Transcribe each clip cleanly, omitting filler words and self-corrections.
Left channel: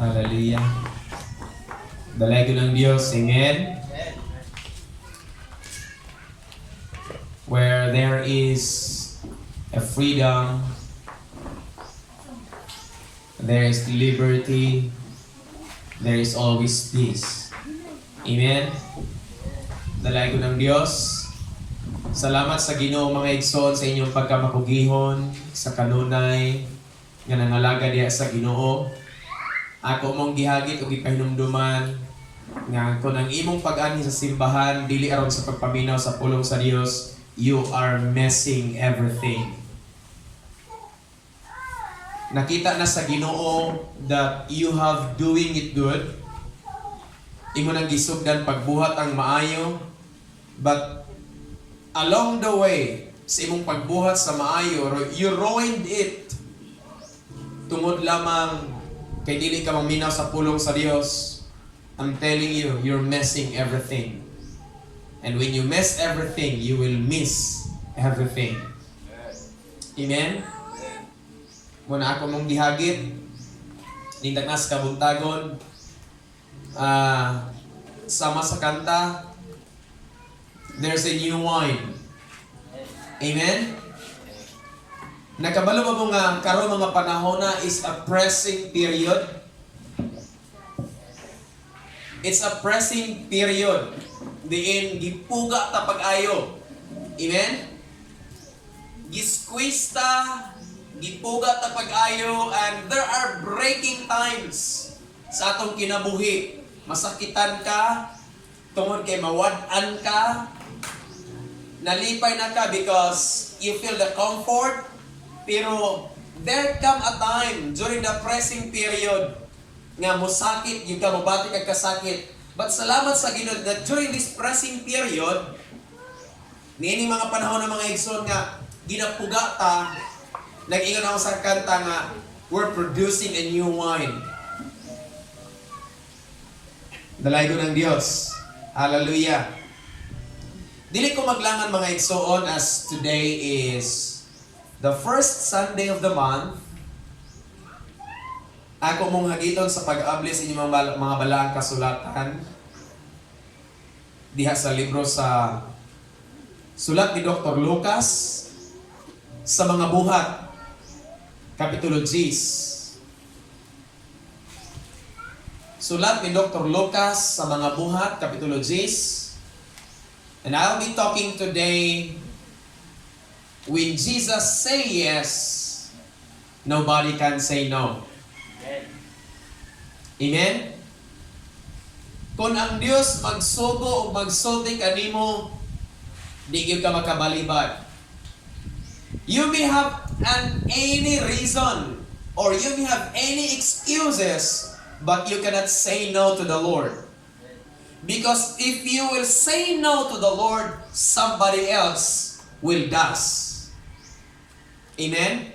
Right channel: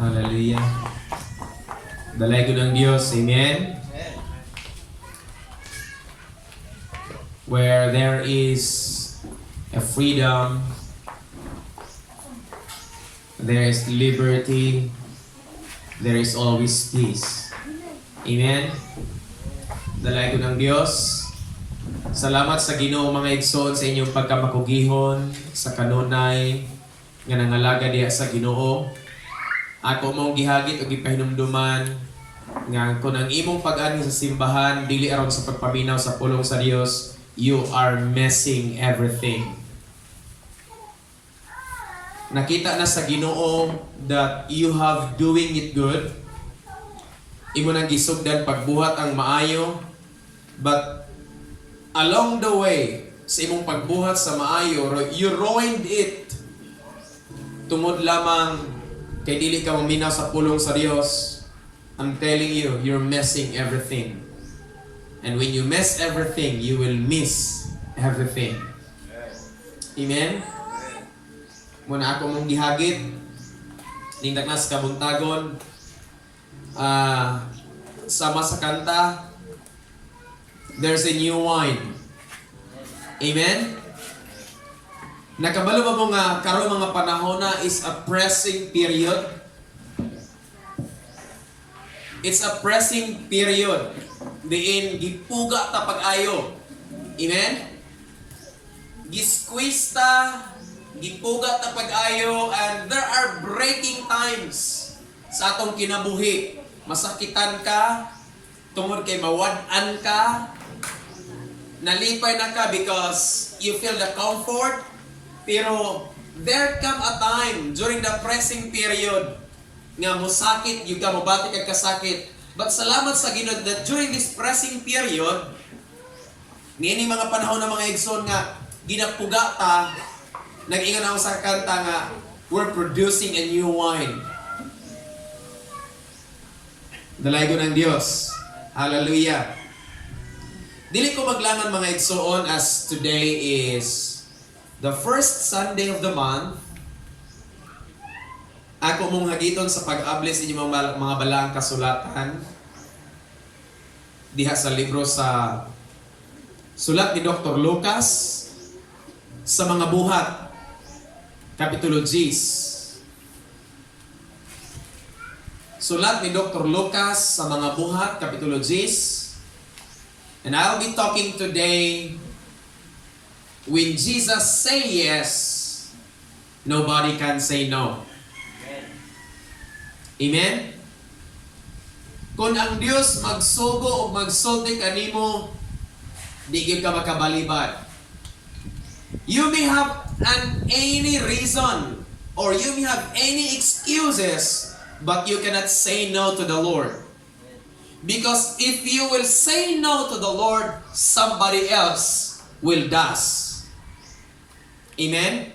Hallelujah. Dalay ko ng Diyos. Amen. Where there is a freedom, there is liberty, there is always peace. Amen. Dalay ko ng Diyos. Salamat sa Ginoo mga igsoon sa inyong pagkamakugihon, sa kanunay, nga nangalaga diya sa Ginoo. Ako mong gihagit o gipahinumduman nga kung ang imong pag-ani sa simbahan dili aron sa pagpaminaw sa pulong sa Dios, you are messing everything. Nakita na sa Ginoo that you have doing it good. Imo nang gisugdan pagbuhat ang maayo, but along the way sa imong pagbuhat sa maayo, you ruined it. Tungod lamang kay dili ka maminaw sa pulong sa Dios. I'm telling you, you're messing everything. And when you mess everything, you will miss everything. Amen? Muna ako mong gihagit, nindag na sa kabuntagon, sama sa kanta, there's a new wine. Amen? Nakabalo ba mo nga karon mga panahon na is a pressing period? It's a pressing period. Diin gipuga ta pag-ayo. Amen? Gisqueeze ta, gipuga ta pag-ayo, and there are breaking times sa atong kinabuhi. Masakitan ka, tungod kay mawad-an ka, nalipay na ka because you feel the comfort, pero there come a time during the pressing period nga musakit yung ka, mabati kag kasakit. But salamat sa Ginoo that during this pressing period, niini mga panahon na mga igsoon nga ginapuga ta, nag-ingon ako sa kanta nga we're producing a new wine. Dalay ko ng Diyos. Hallelujah. Dili ko maglangan mga igsoon as today is the first Sunday of the month. Ako mong hagiton sa pag-abli sa inyong mga balaang kasulatan diha sa libro sa sulat ni Dr. Lucas sa mga buhat, Kapitulo 10. Sulat ni Dr. Lucas sa mga buhat, Kapitulo 10. And I'll be talking today, when Jesus say yes, nobody can say no. Amen? Kung ang Dios magsugo o magsulti kanimo, di gyud ka makabalibad. You may have any reason or you may have any excuses, but you cannot say no to the Lord. Because if you will say no to the Lord, somebody else will does. Amen?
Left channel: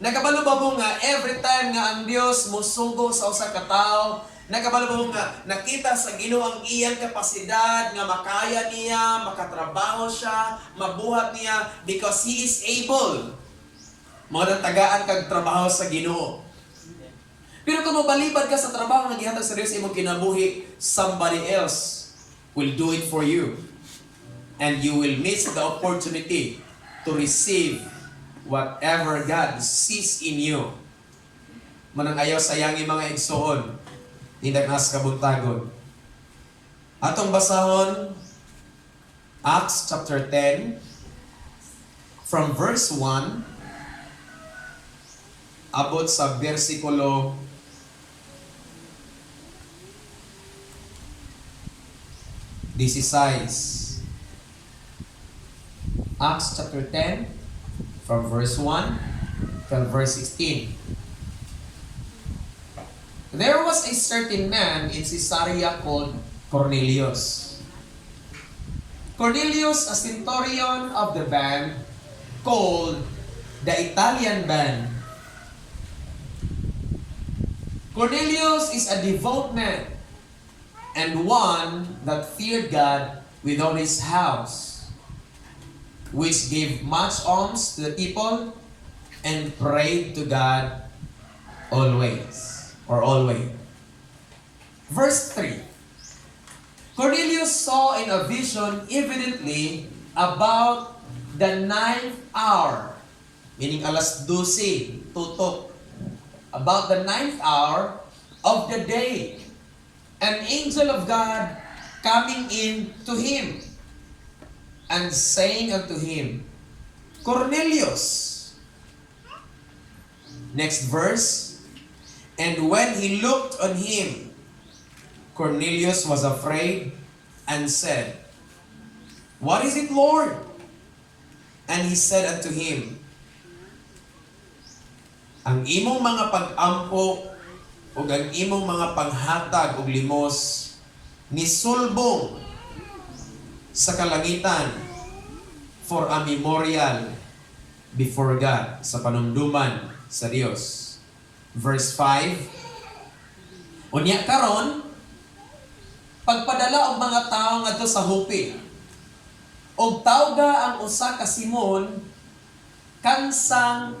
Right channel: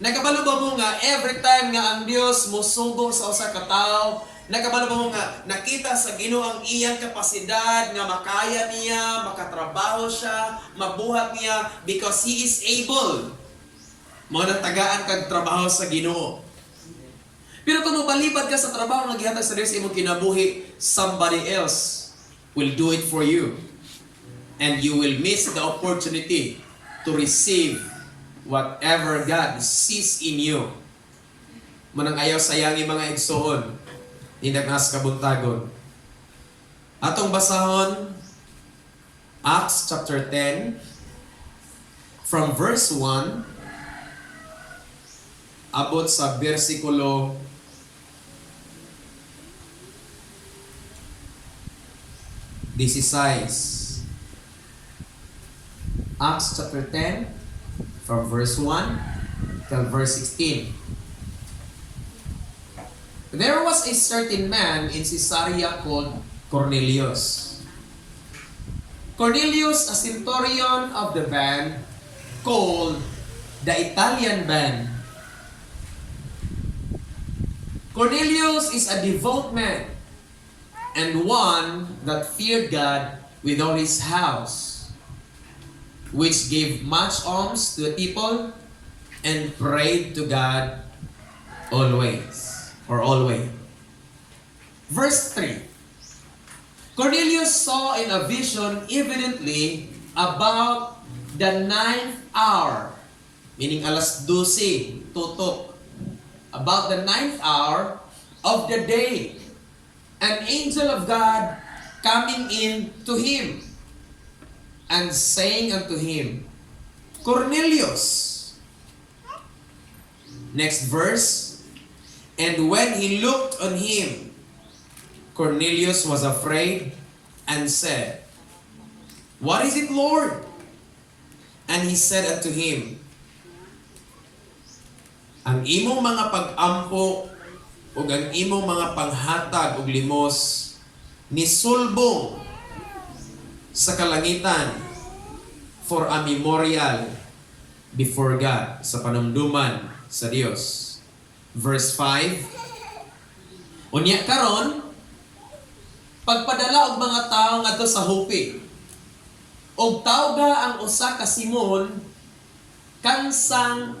Nakabalo ba mo nga every time nga ang Dios musugo sa usa ka tawo, nakabalo ba mo nga nakita sa Ginoo ang iyang kapasidad nga makaya niya, makatrabaho siya, mabuhat niya because He is able. Mao nang tagaan kag trabaho sa Ginoo. Pero kung mabalibad ka sa trabaho nga gihatag sa Dios imong kinabuhi, somebody else will do it for you. And you will miss the opportunity to receive whatever God sees in you. Manang ayaw sayangi mga igsoon, inagnas kabuntagon. Atong basahon, Acts chapter 10, from verse 1, abot sa versikulo 16. Acts chapter 10, from verse 1 till verse 16. There was a certain man in Caesarea called Cornelius. Cornelius, a centurion of the band called the Italian band. Cornelius is a devout man and one that feared God with all his house, which gave much alms to the people and prayed to God always. or always. Verse 3. Cornelius saw in a vision evidently about the 9th hour, meaning alas 12, tutok, about the 9th hour of the day, an angel of God coming in to him and saying unto him, Cornelius. Next verse. And when he looked on him, Cornelius was afraid and said, What is it, Lord? And he said unto him, Ang imong mga pag-ampo o ang imong mga panghatag o limos nisulbong sa kalangitan for a memorial before God, sa panumduman sa Dios. Verse 5. Unya karon, pagpadala og mga tawo ngadto sa Joppe, og tawga ang usa ka Simon kansang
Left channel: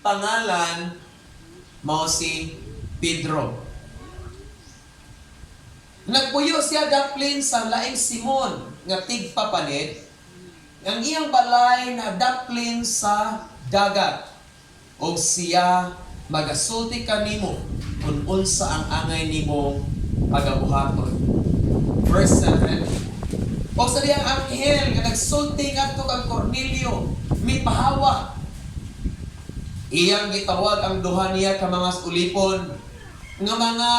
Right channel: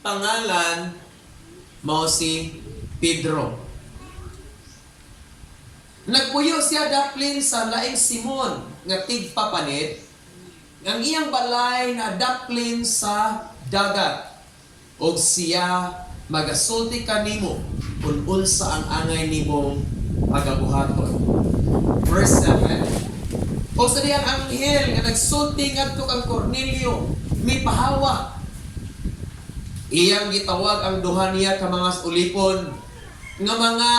pangalan mao si Pedro. Nagpuyo siya daplin sa laing Simon nga tigpapanit, ang iyang balay na daplin sa dagat, og siya magasulti kanimo kung unsa ang angay nimong pagabuhaton. Verse 7. O sa diyang anghel nga nagsulti ngadto kang Cornelio, mipahawak. Iyang gitawag ang duha niya ka mga ulipon nga mga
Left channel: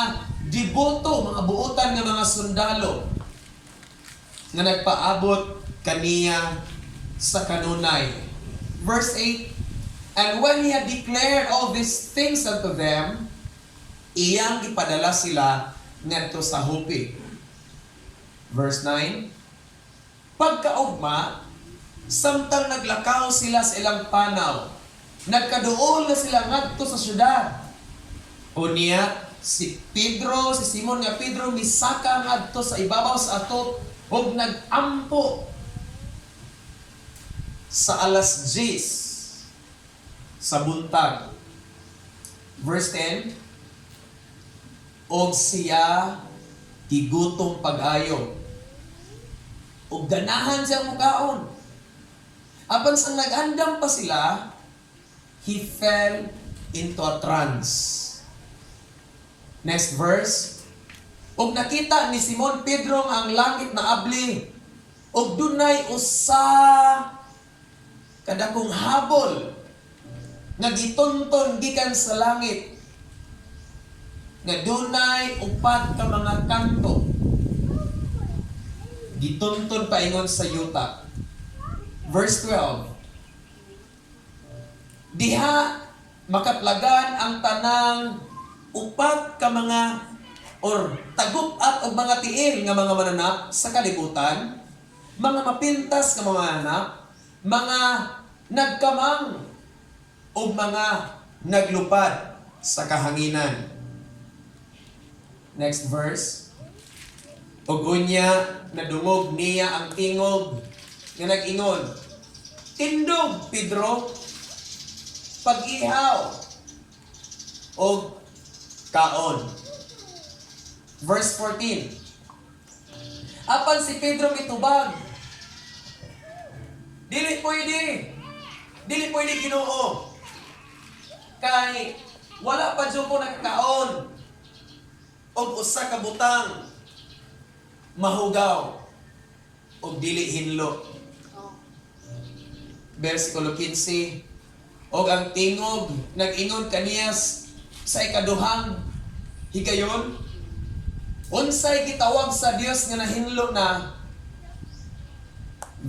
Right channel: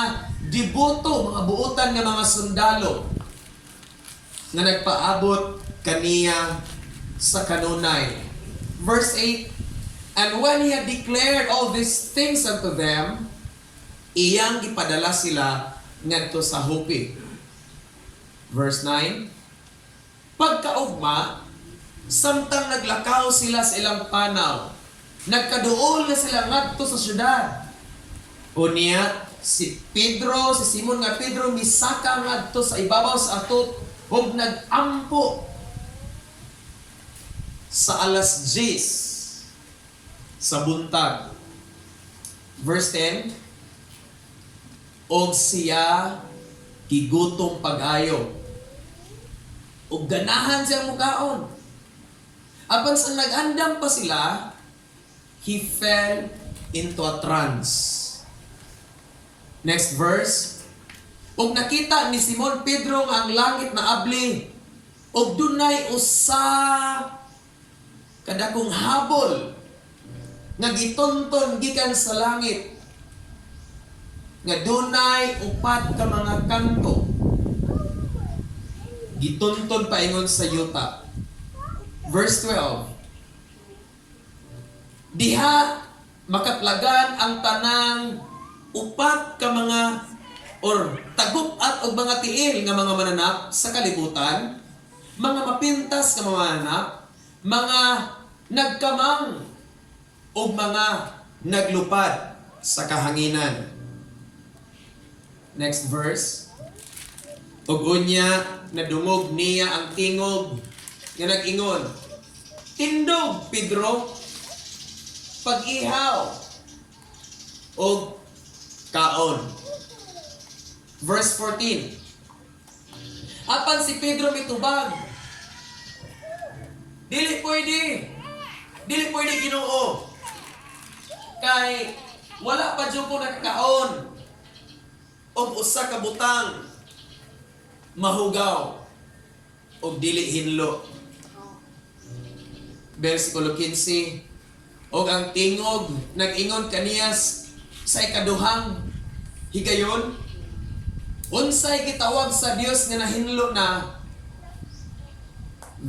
diboto, mga buotan nga mga sundalo nga nagpaabot kaniya sa kanunay. Verse 8. And when he had declared all these things unto them, iyang ipadala sila ngadto sa Joppe. Verse 9. Pagkaugma, samtang naglakaw sila sa ilang panaw, nagkaduol na sila ngadto sa syudad. Unya si Pedro, si Simon nga Pedro misaka ngadto sa ibabaw sa atot ug nagampo sa alas 10 sa buntag. Verse 10. Og siya gigutom pag-ayo, og ganahan siyang mukaon. Apan sa nag-andam pa sila, he fell into a trance. Next verse. Og nakita ni Simon Pedro nga ang langit na abli, og dunay usa kadakong habol nga gitonton gikan sa langit, nga dunay upat ka mga kanto, gitonton paingon sa yuta. Verse 12. Diha makatlagan ang tanang upat ka mga or tagupat o mga tiil nga mga mananap sa kalibutan, mga mapintas nga mga mananap, mga nagkamang o mga naglupad sa kahanginan. Next verse. Ug unya nadungog niya ang tingog nga nag-ingon, Tindog, Pedro, pag-ihaw o kaon. Verse 14. Apan si Pedro mitubag, Dili pwede Ginoo. Kay wala pa jud ko nakakaon og usa ka butang mahugaw og dili hinlo. Versikulo 15. Og ang tingog nag-ingon kaniya sa ikaduhang higayon, unsay gitawag sa Dios nga nahinlo na,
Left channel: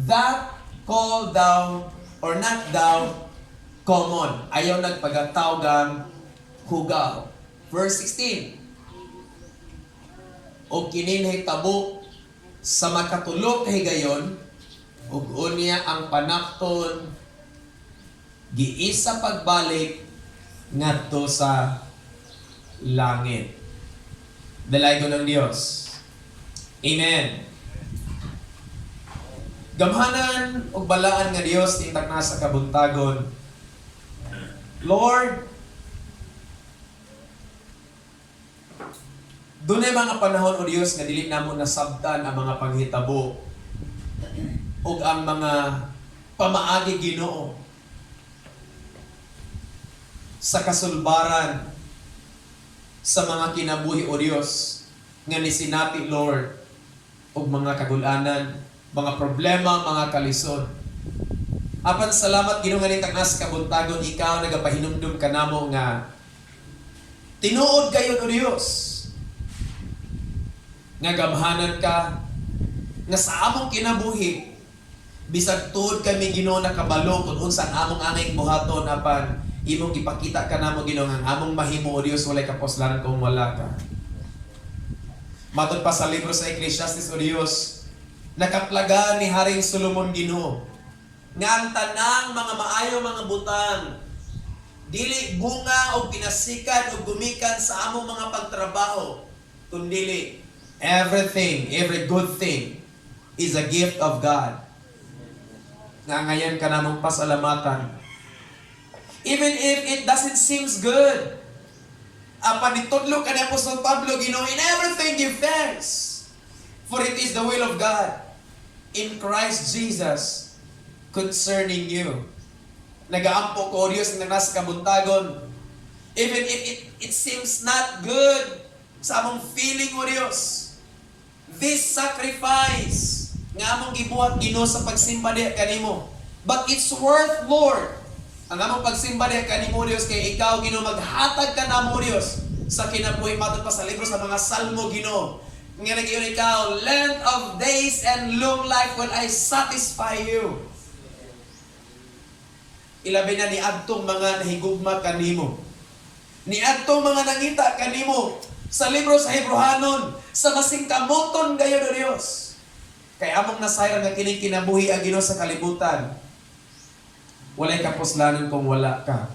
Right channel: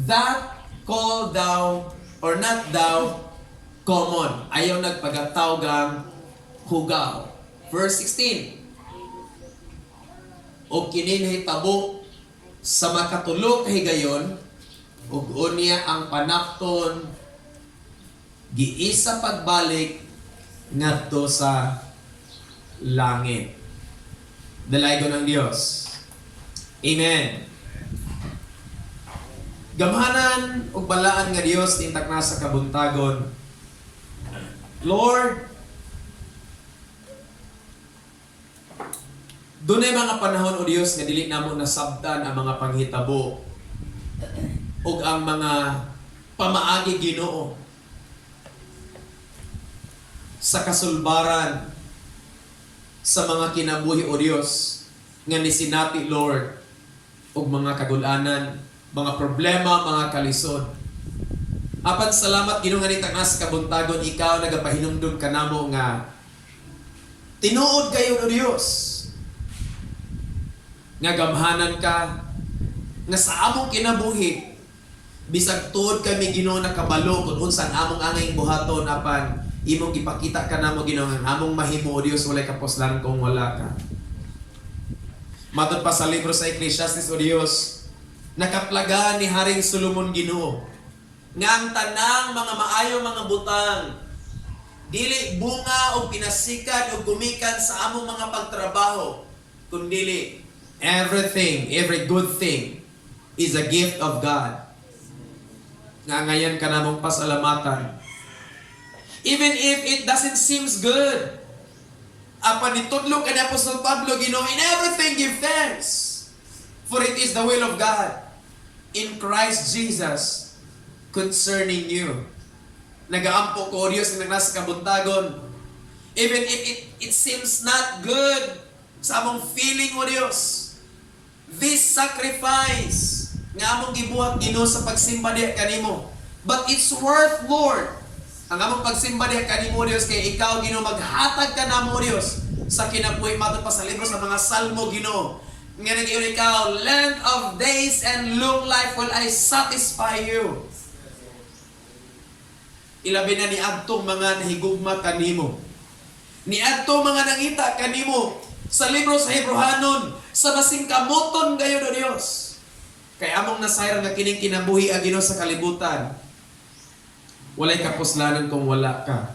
that call thou or not thou common. Ayaw nagpagatawgang hugaw. Verse 16. O kini nahitabo sa makatulo ka higayon, ug unya ang panakton giisa pagbalik ngadto sa langit. Dalaygo ng Dios. Amen. Gamhanan ug balaan nga Dios tintak na sa kabuntagon. Lord, Dunay mga panahon o Dios nga dili namo nasabtan ang mga panghitabo ug ang mga pamaagi Ginoo sa kasulbaran sa mga kinabuhi o Dios nga nisinati Lord ug mga kagulanan, mga problema, mga kalisod. Apan salamat Ginoo nga nitagnas kabuntagon ikaw nagapahinumdum kanamo nga tinuod kayo o Dios nga gamhanan ka nga sa among kinabuhi bisag tuod kami Ginoo nakabalo kung unsa ang among angay buhaton apan imong ipakita ka namo Ginoo nga among mahimo o Dios walay kapuslanan kung wala ka. Matod pa sa libro sa Ecclesiastes o Dios, nakaplaga ni Haring Solomon Ginoo nga ang tanang mga maayo mga butang dili bunga o pinasikan o gumikan sa among mga pagtrabaho kundi everything, every good thing is a gift of God. Nga ngayon ka namong pasalamatan. Even if it doesn't seems good. Apan nitudlo ka ni Apostol Pablo, Ginoo, in everything give thanks. For it is the will of God in Christ Jesus concerning you. Nagaampo ko Diyos na nasa kabuntagon. Even if it seems not good sa among feeling o Diyos. This sacrifice nga among gibuhat Ginoo sa pagsimba diha kanimo. But it's worth Lord. Ang among pagsimba diha kanimo Dios kay ikaw Ginoo maghatag ka namo Dios sa kinabuhi matod pa sa libro sa mga salmo Ginoo. Nga nagiyon ikaw, length of days and long life will I satisfy you. Ilabi na ni adtong mga nahigugma kanimo. Ni adtong mga nangita kanimo sa libro sa Hebrehanon sa masingkamoton gayon o Dios. Kay among nasayran nga kining kinabuhi ang Ginoo sa kalibutan. Walay kapuslanan kung wala ka.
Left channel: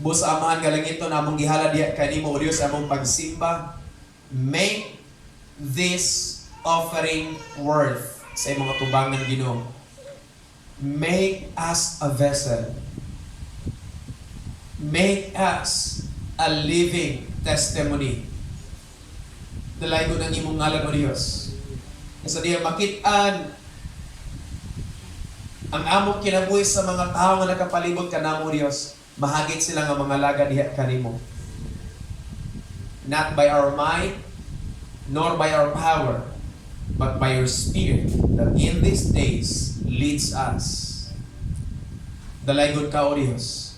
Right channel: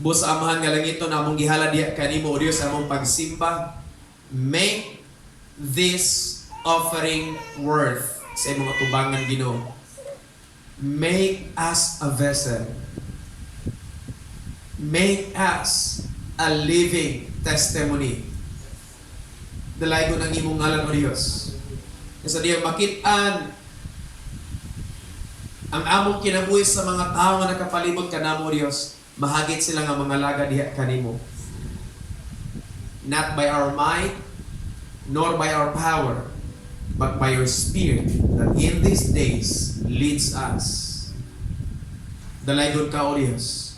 Bus amahan nga lang ito na among gihala diha kanimo o Dios among pagsimba. Make this offering worth sa imong atubangan Ginoo. Make us a vessel. Make us a living testimony. Dalaygo ng imong ngalan o Dios. Sa diya makitaan ang among kinabuhi sa mga tao nga nakapalibot kanamo Dios, mahagit sila nga mga laga diha kanimo. Not by our might, nor by our power, but by your Spirit that in these days leads us. Dalaygon ka o Dios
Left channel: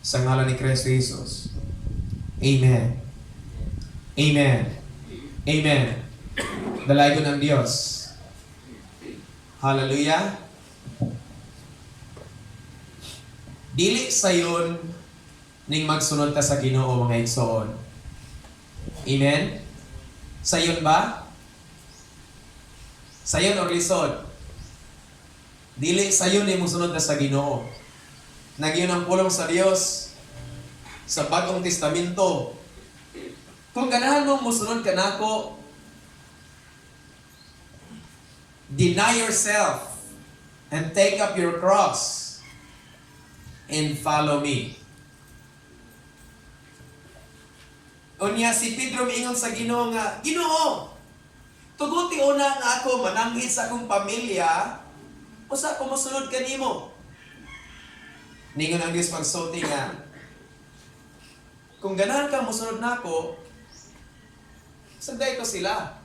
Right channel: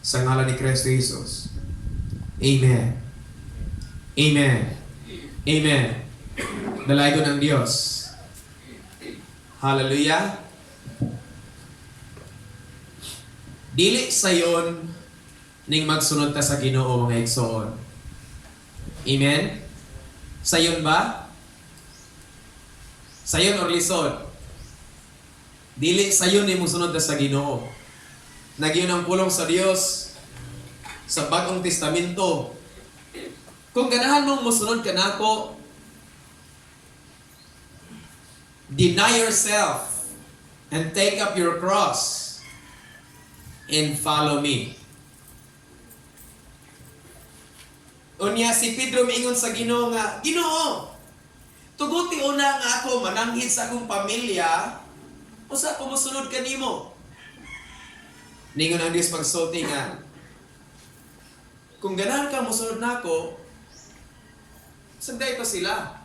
sa ngalan ni Kristo Jesus. Amen. Amen. Amen. Dalaygon ang Dios. Hallelujah. Dili sayon ning magsunod ka sa Ginoo mga igsoon. Amen? Sayon ba? Sayon or lisod? Dili sayon ni musunod ka sa Ginoo. Nagyon ang pulong sa Dios sa Bagong Testamento. Kung ganahan mong musunod ka nako, deny yourself and take up your cross and follow me. Unya si Pedro miingon sa Ginoo nga, Ginoo, tuguti una nga ako mananghid sa akong pamilya, usa ko mosunod kanimo. Ningon ang Dios pagsulti nga, kung ganahan ka mosunod nako, sagday ko sila.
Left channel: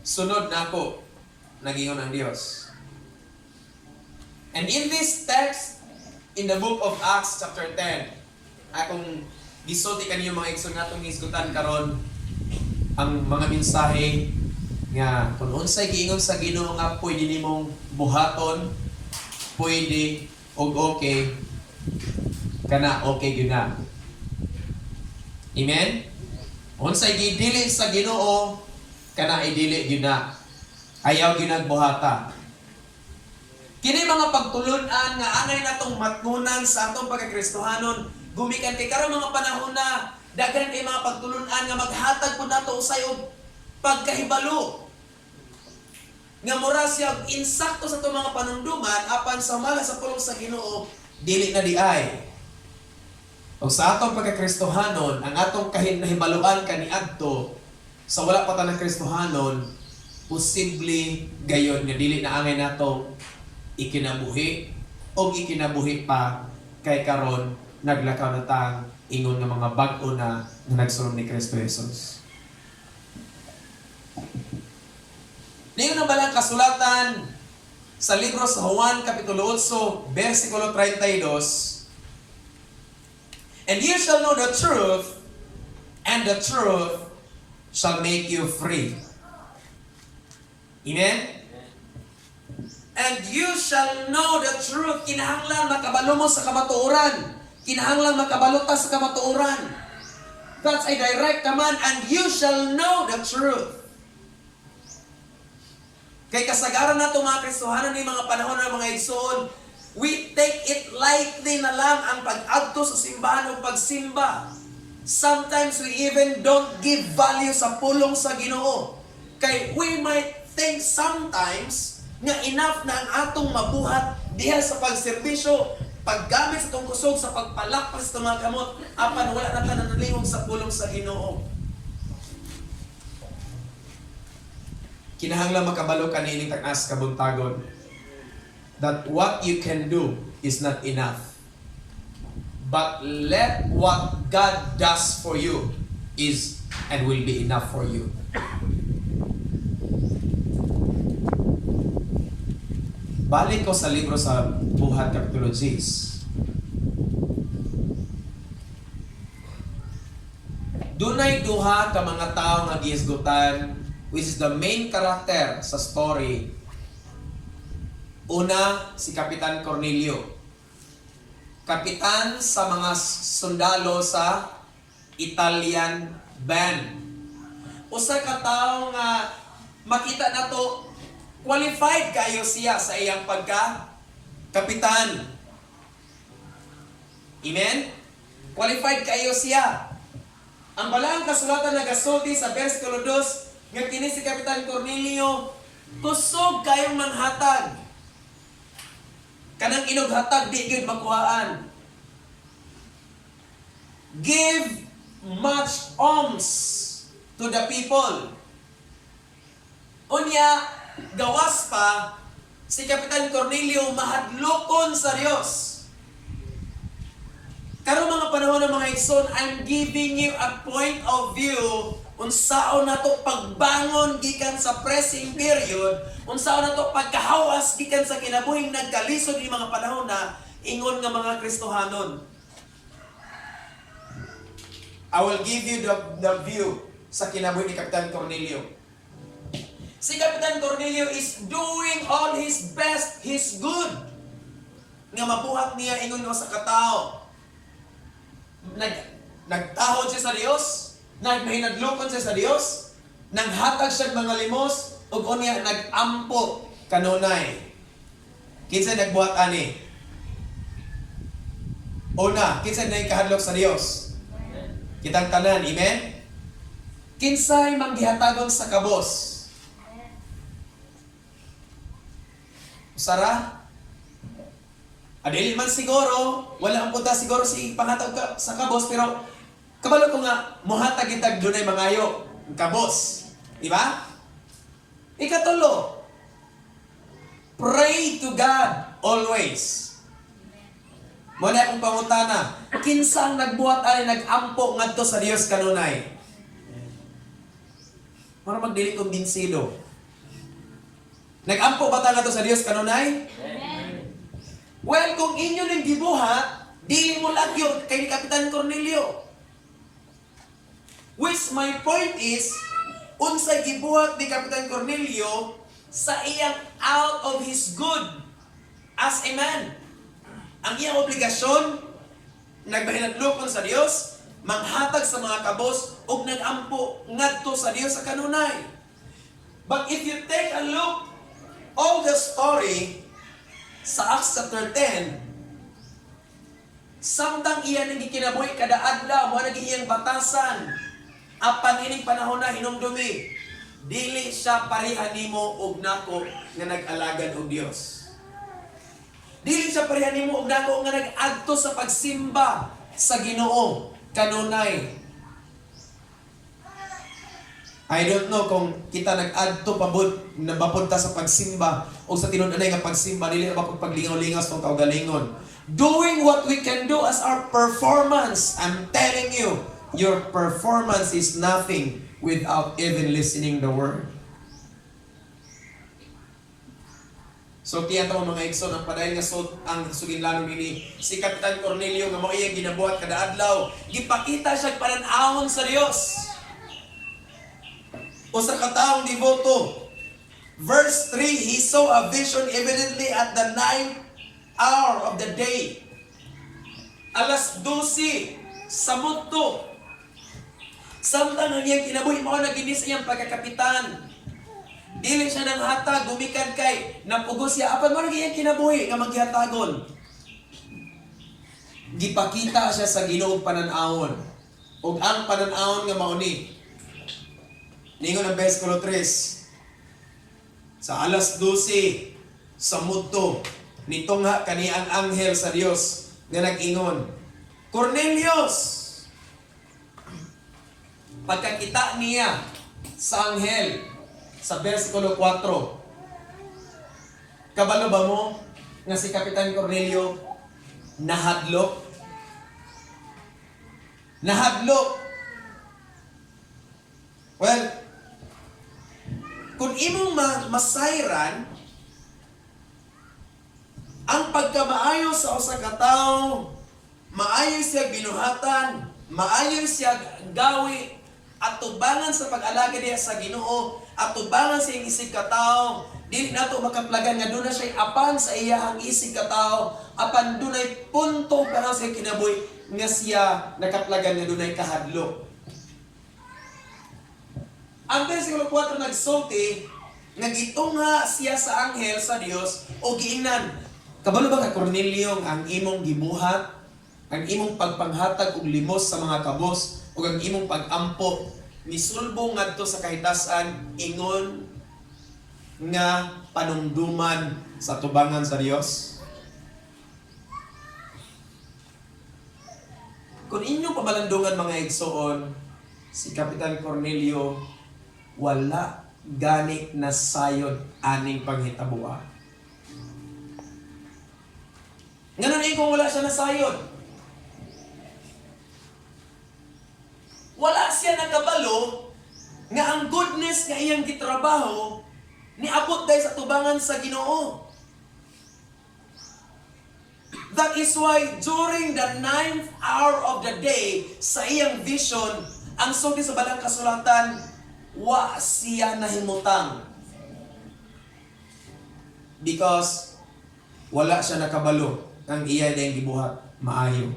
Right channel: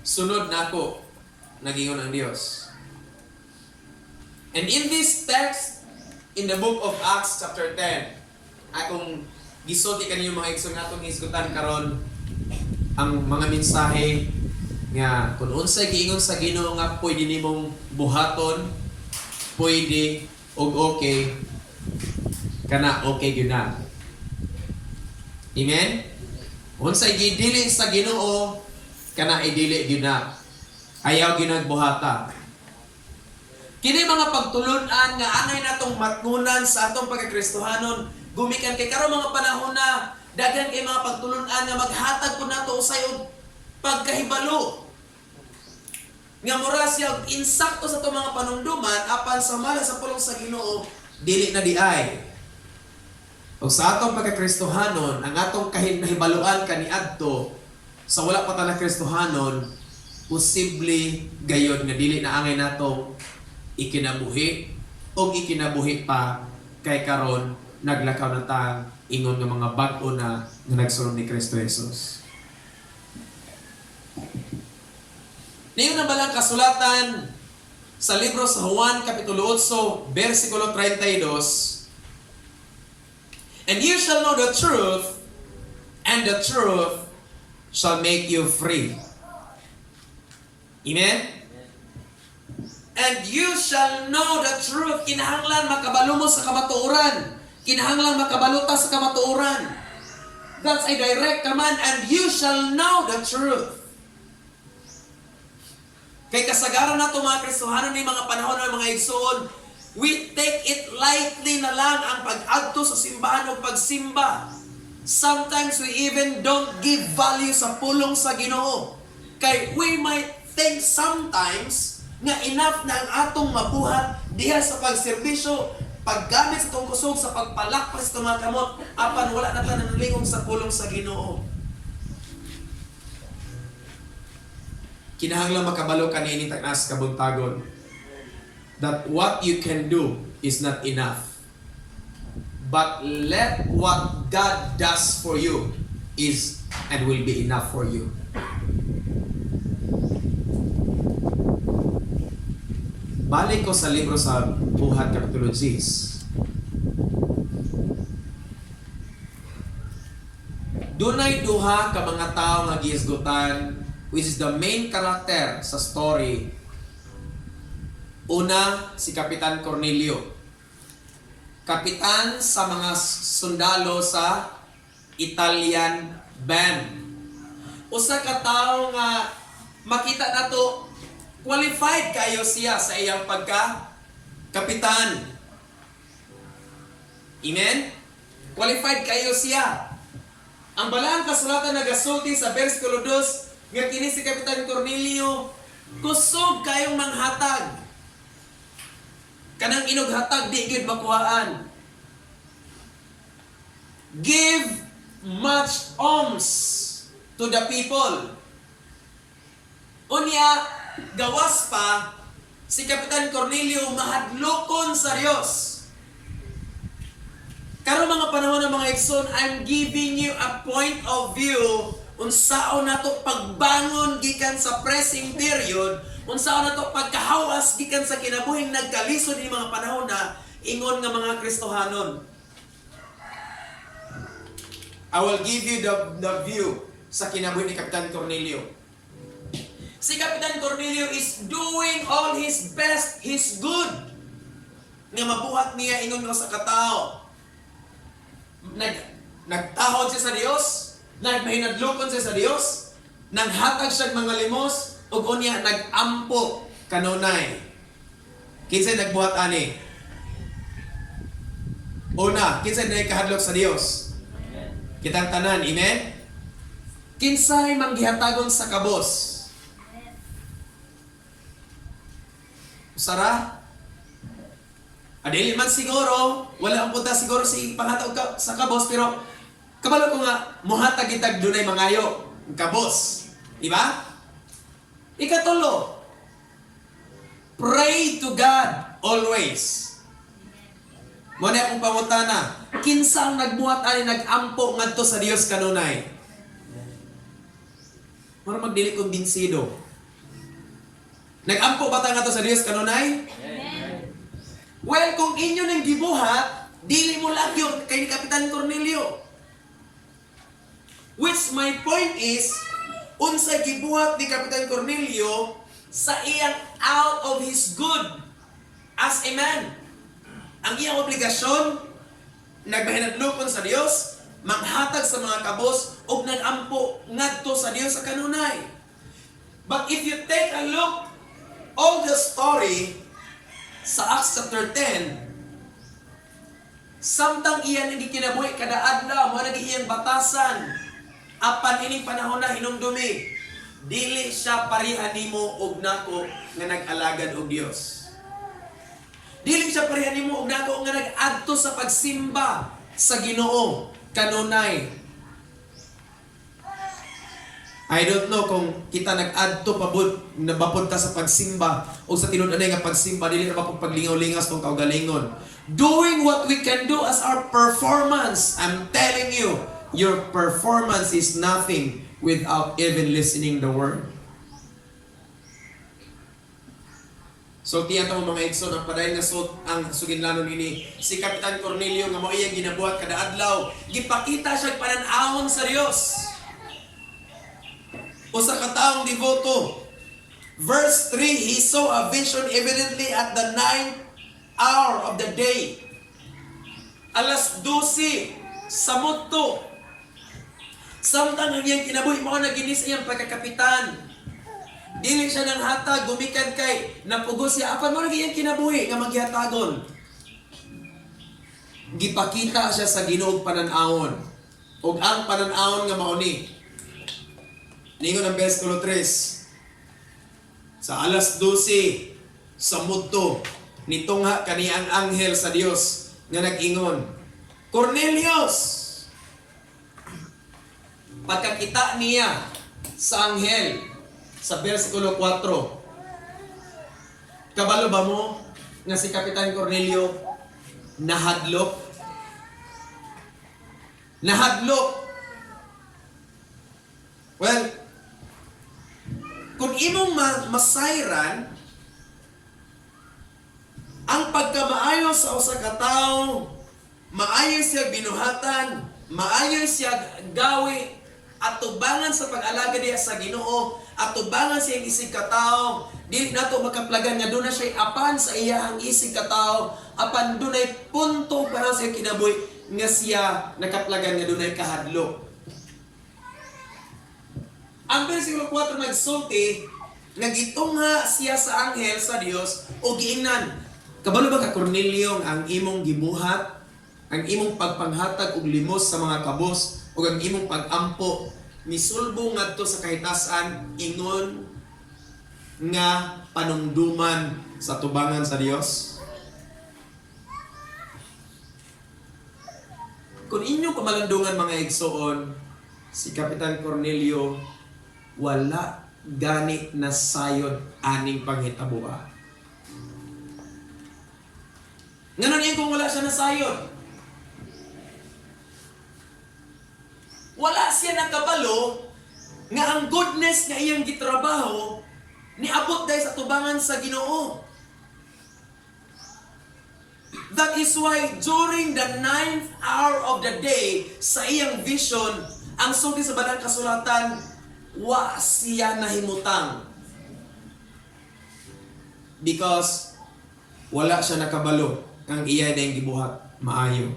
Sunod nako, nagingon ang Dios. And in this text, in the book of Acts chapter 10, akong gisulti kanyo mga igsoon natong hisgutan karon ang mga mensahe nga kung unsay giingon sa Ginoo nga pwede nimong buhaton, pwede og okay kana okay gyud na. Amen. Unsay gidili sa Ginoo kana idili gyud na. Ayaw ginagbuhata. Kini mga pagtulunan nga anay natong matnunan sa atong pagkakristohanon gumikan kay karon mga panahon na daghan kay mga pagtulunan nga maghatag pud nato usay og pagkahibalo. Nga mura siya insakto sa itong mga panungduman apan sa mala sa pulong sa Ginoo dili na diay. O sa atong pagkakristohanon, ang atong nahibaluan kaniadto sa wala pa ta na Kristohanon, posible gayon nga dili na angay natong ikinabuhi o ikinabuhi pa kay karon naglakaw na tang ingon nga mga bag-o na nagsulong ni Kristo Jesus. Niyon na balang kasulatan sa libro sa Juan Kapitulo 8, versikulo 32, and you shall know the truth, and the truth shall make you free. Amen? And you shall know the truth. Kinahanglan makabalo mo sa kamatuoran. Kinahanglan makabalo ta sa kamatuoran. That's a direct command, and you shall know the truth. Kay kasagaran nato mga Kristohanon ni mga panahon ng mga igsoon, we take it lightly na lang ang pag-adto sa simbahan o pagsimba. Sometimes we even don't give value sa pulong sa Ginoo. Kay we might think sometimes nga enough na ang atong mabuhat diha sa pagserbisyo, paggamit sa itong kusog, sa pagpalakpas sa mga kamot, apan wala na tayo nanalingog sa pulong sa Ginoo. Kinahanglan makabalo ka niini tanas kabuntagon that what you can do is not enough. But let what God does for you is and will be enough for you. Balik ko sa libro sa Buhat Kapitulo 10. Dunay duha ka mga tao nga gihisgutan, which is the main character sa story. Una, si Kapitan Cornelio. Kapitan sa mga sundalo sa Italian band. Usa ka tawo nga makita nato qualified kayo siya sa iyang pagka-kapitan. Amen? Qualified kayo siya. Ang balang kasulatan nagasulti sa versikulo 2 nga kini si Kapitan Cornelio kusog kayong manghatag. Kanang inughatag di gyud makuhaan. Give much alms to the people. Unya gawas pa si Kapitan Cornelio mahadlokon sa Dios. Karon mga panahon ng mga igsoon, I'm giving you a point of view unsaon nato pagbangon gikan sa pressing period, unsaon nato pagkahawas gikan sa kinabuhing nagkalisod ni mga panahon na ingon nga mga Kristohanon. I will give you the view sa kinabuhi ni Kapitan Cornelio. Si Kapitan Cornelio is doing all his best, his good. Nga mabuhat niya ingon nga sa katao. Nagtahod siya sa Dios, nagmahinadlokon siya sa Dios, nanghatag siya mga limos, ug unya nagampo kanunay. Kinsa nagbuhat ani? Una, kinsa nagkahadlok sa Dios? Kitang tanan, amen? Kinsay manggihatagon sa kabos? Usara? Adili man siguro, wala ang punta siguro si panghatag sa kabos, pero kabalo ko nga, muhatag itag dunay mangayo, ang kabos. Diba? Ikatulo, pray to God always. Muna akong pangutana, kinsang nagbuhat ani nagampo ngadto sa Dios kanunay? Para magdili kumbinsido. Nagampo ba ta ngadto sa Dios kanunay? Well, kung inyo ning gibuhat, dili mo lagyon kay ni Kapitan Cornelio. Which my point is, unsay gibuhat ni Kapitan Cornelio sa iyang out of his good as a man. Ang iyang obligasyon, nagbahinadlokon sa Dios, manghatag sa mga kabos, ug nagampo ngadto sa Dios sa kanunay. But if you take a look all the story sa Acts chapter 10, samtang iyan ang gikinabuhi kada adlaw, mo nag iyang batasan, apan ining panahon na hinumdumi, dili siya pareha nimo ug nako nga nag-alagad og Dios. Dili siya pareha nimo ug nako nga nag-adto sa pagsimba. sa Ginoo kanunay. I don't know kung kita nag-adto pabud na mapunta sa pagsimba o sa tinud-anay nga pagsimba dili na paglingaw-lingas tong kaugalingon. Doing what we can do as our performance. I'm telling you, your performance is nothing without even listening the word. So tiyan tong mga igsoon ang padayon nga ang suginlanon ini si Kapitan Cornelio nga mao iyang ginabuhat kada adlaw. Gipakita siya panan-awon sa Dios. O sa kataong devoto. Verse 3, he saw a vision evidently at the 9th hour of the day. Alas 12 sa mudto. Samtang ang iyang kinabuhi mao na ginis iyang pagkakapitan. Dili siya nang hatag, gumikan kay napugos siya. Apan mo na iyang kinabuhi nga maghihatagon. Gipakita siya sa Ginoo panan-awon. Ug ang panan-awon nga mao ni ningon ang versikulo 3. Sa alas 12 sa mudto nitungha kani ang anghel sa Dios nga nag-ingon, Cornelius! Pagkakita niya sa anghel sa versikulo 4, kabalo ba mo nga si Kapitan Cornelio nahadlok? Nahadlok. Well, kung imong masayran ang pagkamaayo sa usa ka tawo, maayo siya binuhatan, maayo siya gawi, at tubangan sa pag-alaga diya sa Ginoo, at tubangan sa iyang isig ka tawo, dili nato makaplagan nga doon na siya apan sa iyang isig ka tawo, apan dunay punto para sa kinabuhi nga siya nakaplagan nga dunay kahadlok. Ang versikulo 4 nagsulti, nagitungha siya sa anghel sa Dios o giingnan. Kabalo ba ka Cornelio ang imong gibuhat, ang imong pagpanghatag og limos sa mga kabos o ang imong pag-ampo misulbong ngadto sa kahitasan ingon nga panumduman sa tubangan sa Dios? Kung inyong pamalandungan mga igsoon, si Kapitan Cornelio wala gani na sayod aning panghitabuha. Nganon kung wala siya na sayod. Wala siya nakabalo nga ang goodness nga iyang gitrabaho niabot dahil sa tubangan sa Ginoo. That is why during the 9th hour of the day sa iyang vision, ang sulti sa Balang Kasulatan, wa siya nahimutang. Because wala siya nakabalo ang iya na yung gibuhat maayo.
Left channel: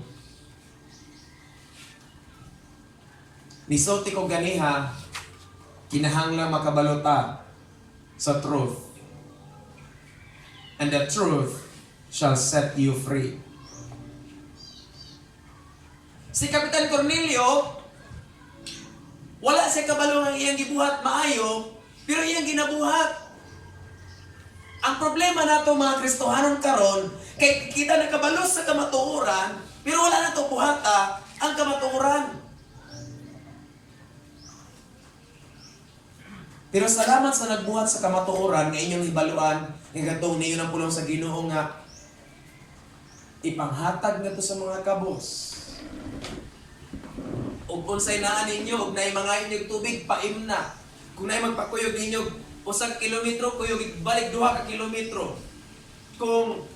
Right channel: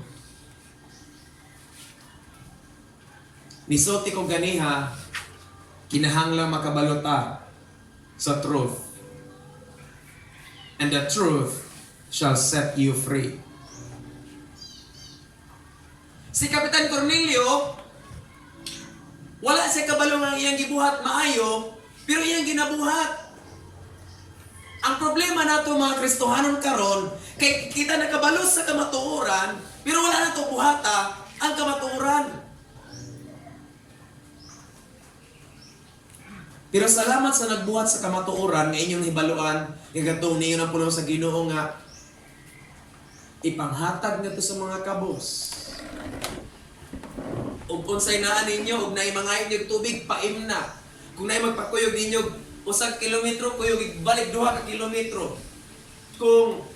Nisulti ko ganiha, kinahanglang makabalota sa truth. And the truth shall set you free. Si Kapitan Cornelio, wala siya kabalo ng iyang gibuhat maayo, pero iyang ginabuhat. Ang problema nato mga Kristohanon karon, kay kita nakabalo sa kamatuoran, pero wala na to buhata ang kamatuoran. Pero salamat sa nagbuhat sa kamatuoran nga inyong hibaluan, nga gatong ninyo ng pulong sa Ginoo nga ipanghatag na to sa mga kabos. Ug unsay naa ninyo ug naay mga inyong tubig paim na. Kung naay magpakuyog ninyo usag kilometro, kuyog balik 2 ka kilometro. Kung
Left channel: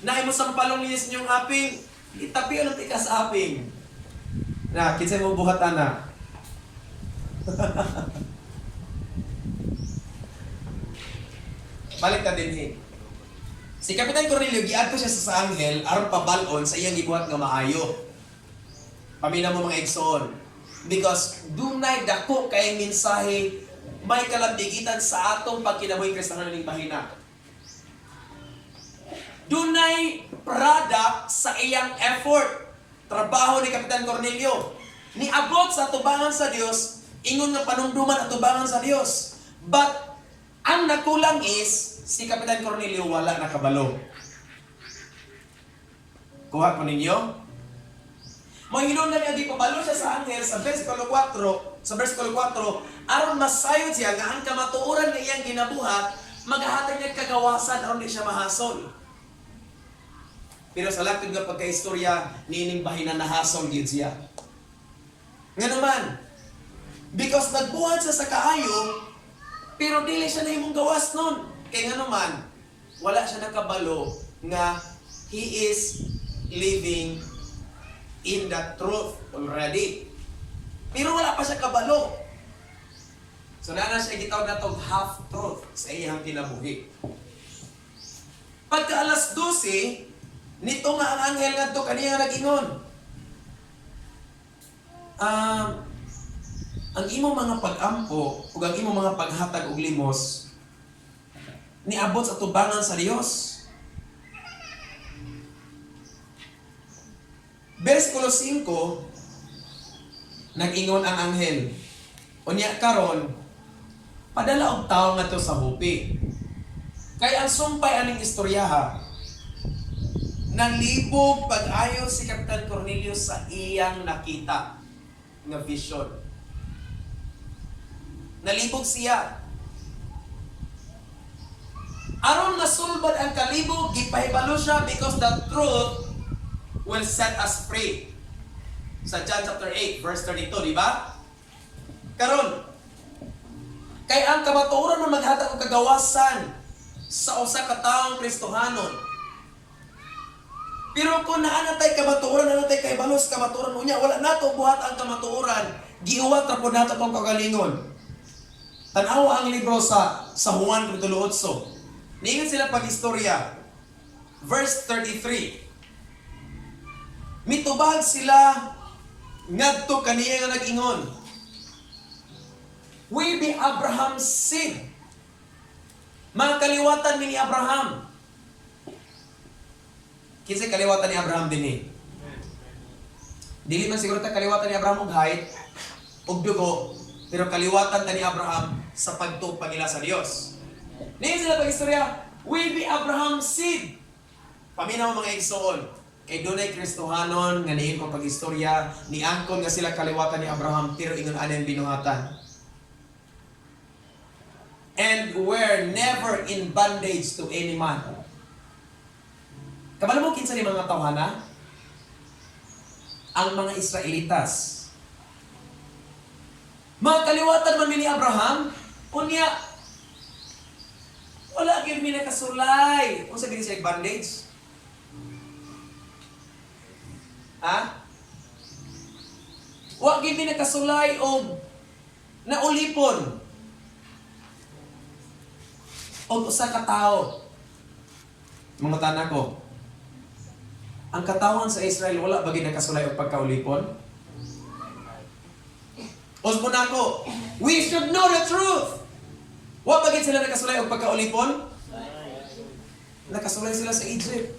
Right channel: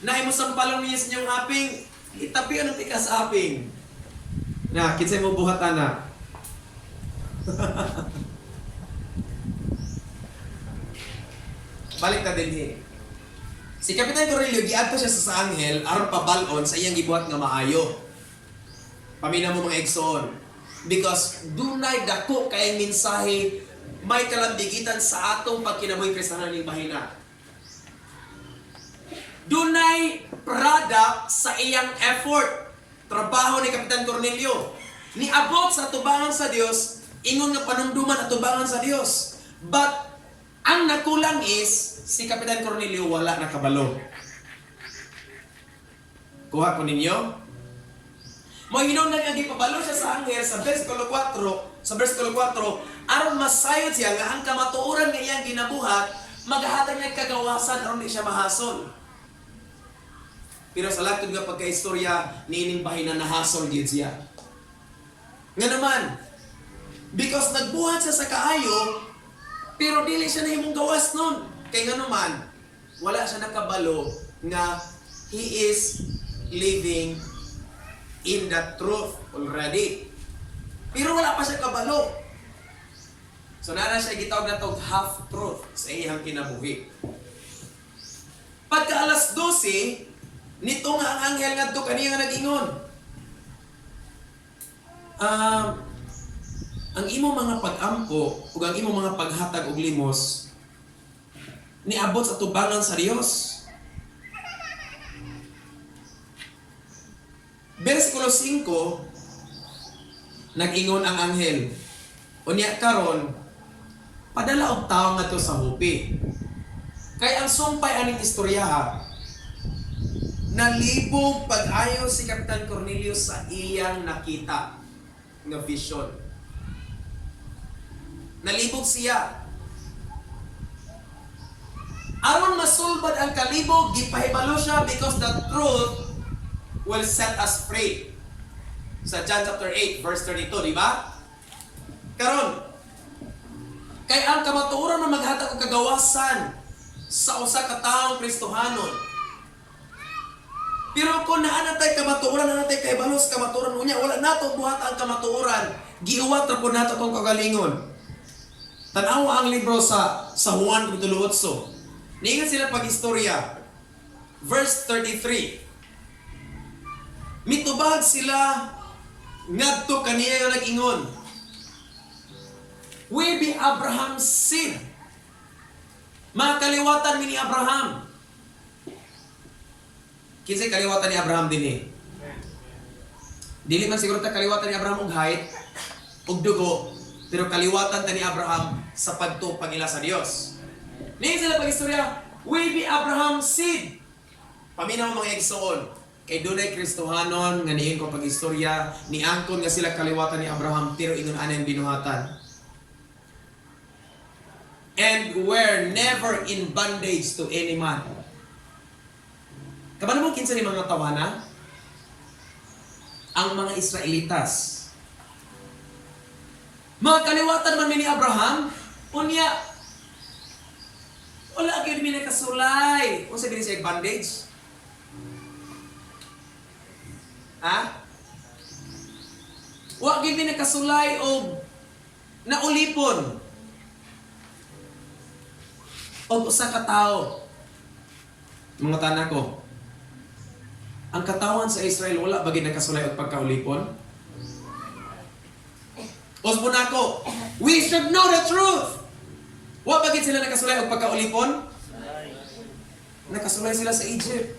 naay mo sampalong ninyo sa inyong aping, itapi ang tikas aping. Na kinsay mo buhat ana. Balik ta dinhi. Si Kapitan Cornelio giadto siya sa anghel aron pabalon sa iyang gibuhat nga maayo. Pamina mo mga igsoon. Because dunay dako kayong mensahe may kalambigitan sa atong pagkinabuhi Kristohanon ning bahina. Dunay product sa iyang effort. Trabaho ni Kapitan Cornelio. Niabot sa tubangan sa Dios, ingon nga panumduman at tubangan sa Dios. But ang nakulang is si Kapitan Cornelio wala nakabalo. Kuha ko ninyo. Mahinon na niya gipabalo siya sa anghel sa versikulo 4, aron masayod siya nga ang kamatuoran nga iyang ginabuhat, maghahatag niya kagawasan aron di siya mahasol. Pero sa latod nga pagkaistorya, niining bahinan na hasol gyud siya. Nga naman, because nagbuhat siya sa kaayo, pero dili siya nahimong gawas nun. Kaya nga naman, wala siya nakabalo nga he is living in the truth already. Pero wala pa siya kabalo. So na siya gitawag na tog half-truth sa iyang kinabuhi. Pagka alas 12, nito nga ang anghel nga to kaniya nga nag-ingon. Ang imong mga pag-ampo ug ang imong mga paghatag og limos niabot sa tubangan sa Dios. Versikulo 5, nag-ingon ang anghel, unya karon padala og tawo ngadto sa hupi. Kay ang sumpay aning istoryaha, nalibog pag-ayo si Kapitan Cornelius sa iyang nakita nga vision. Nalibog siya. Aron masulbad ang kalibog, gipahibalo siya because the truth will set us free. Sa John chapter 8, verse 32, di ba? Karon, kay ang kamatuoran na maghatag og kagawasan sa usa ka taong Kristohanon. Pero kung naanatay kamatuoran, naanatay kay balos kamatuoran unya, wala nato buhat ang kamatuoran. Giuwat ra pud nato tong kagalingon. Tan-aw ang libro sa Juan kapitulo 8. Niingon sila pag-istorya. Verse 33. Mitubag sila ngadto kaniya nga nag-ingon. We be Abraham's seed. Mga kaliwatan ni Abraham. Kinsay kaliwatan ni Abraham dinhi? Dili man siguro ta kaliwatan ni Abraham og height og dugo, pero kaliwatan ta ni Abraham sa pagtupag nila sa Dios. Niya sila pag-istorya, we be Abraham's seed. Paminaw mga igsoon, kay dunay Kristohanon nga niin ko pag-istorya, niangkon nga sila kaliwatan ni Abraham, pero ingon ani ang binuhatan. And were never in bondage to any man. Kabalo mo kinsa ni mga tawana? Ang mga Israelitas. Mga kaliwatan man ni Abraham, unya wala gyud mi nakasulay. Unsa din siya bondage? Ha? Wa gyud mi nakasulay og naulipon. Og usa ka tawo. Mga tanan ko. Ang katawan sa Israel wala ba gyud nakasulay og pagkaulipon? Osmo nako. We should know the truth. Wa ba gyud sila nakasulay og pagkaulipon? Nakasulay sila sa Egypt.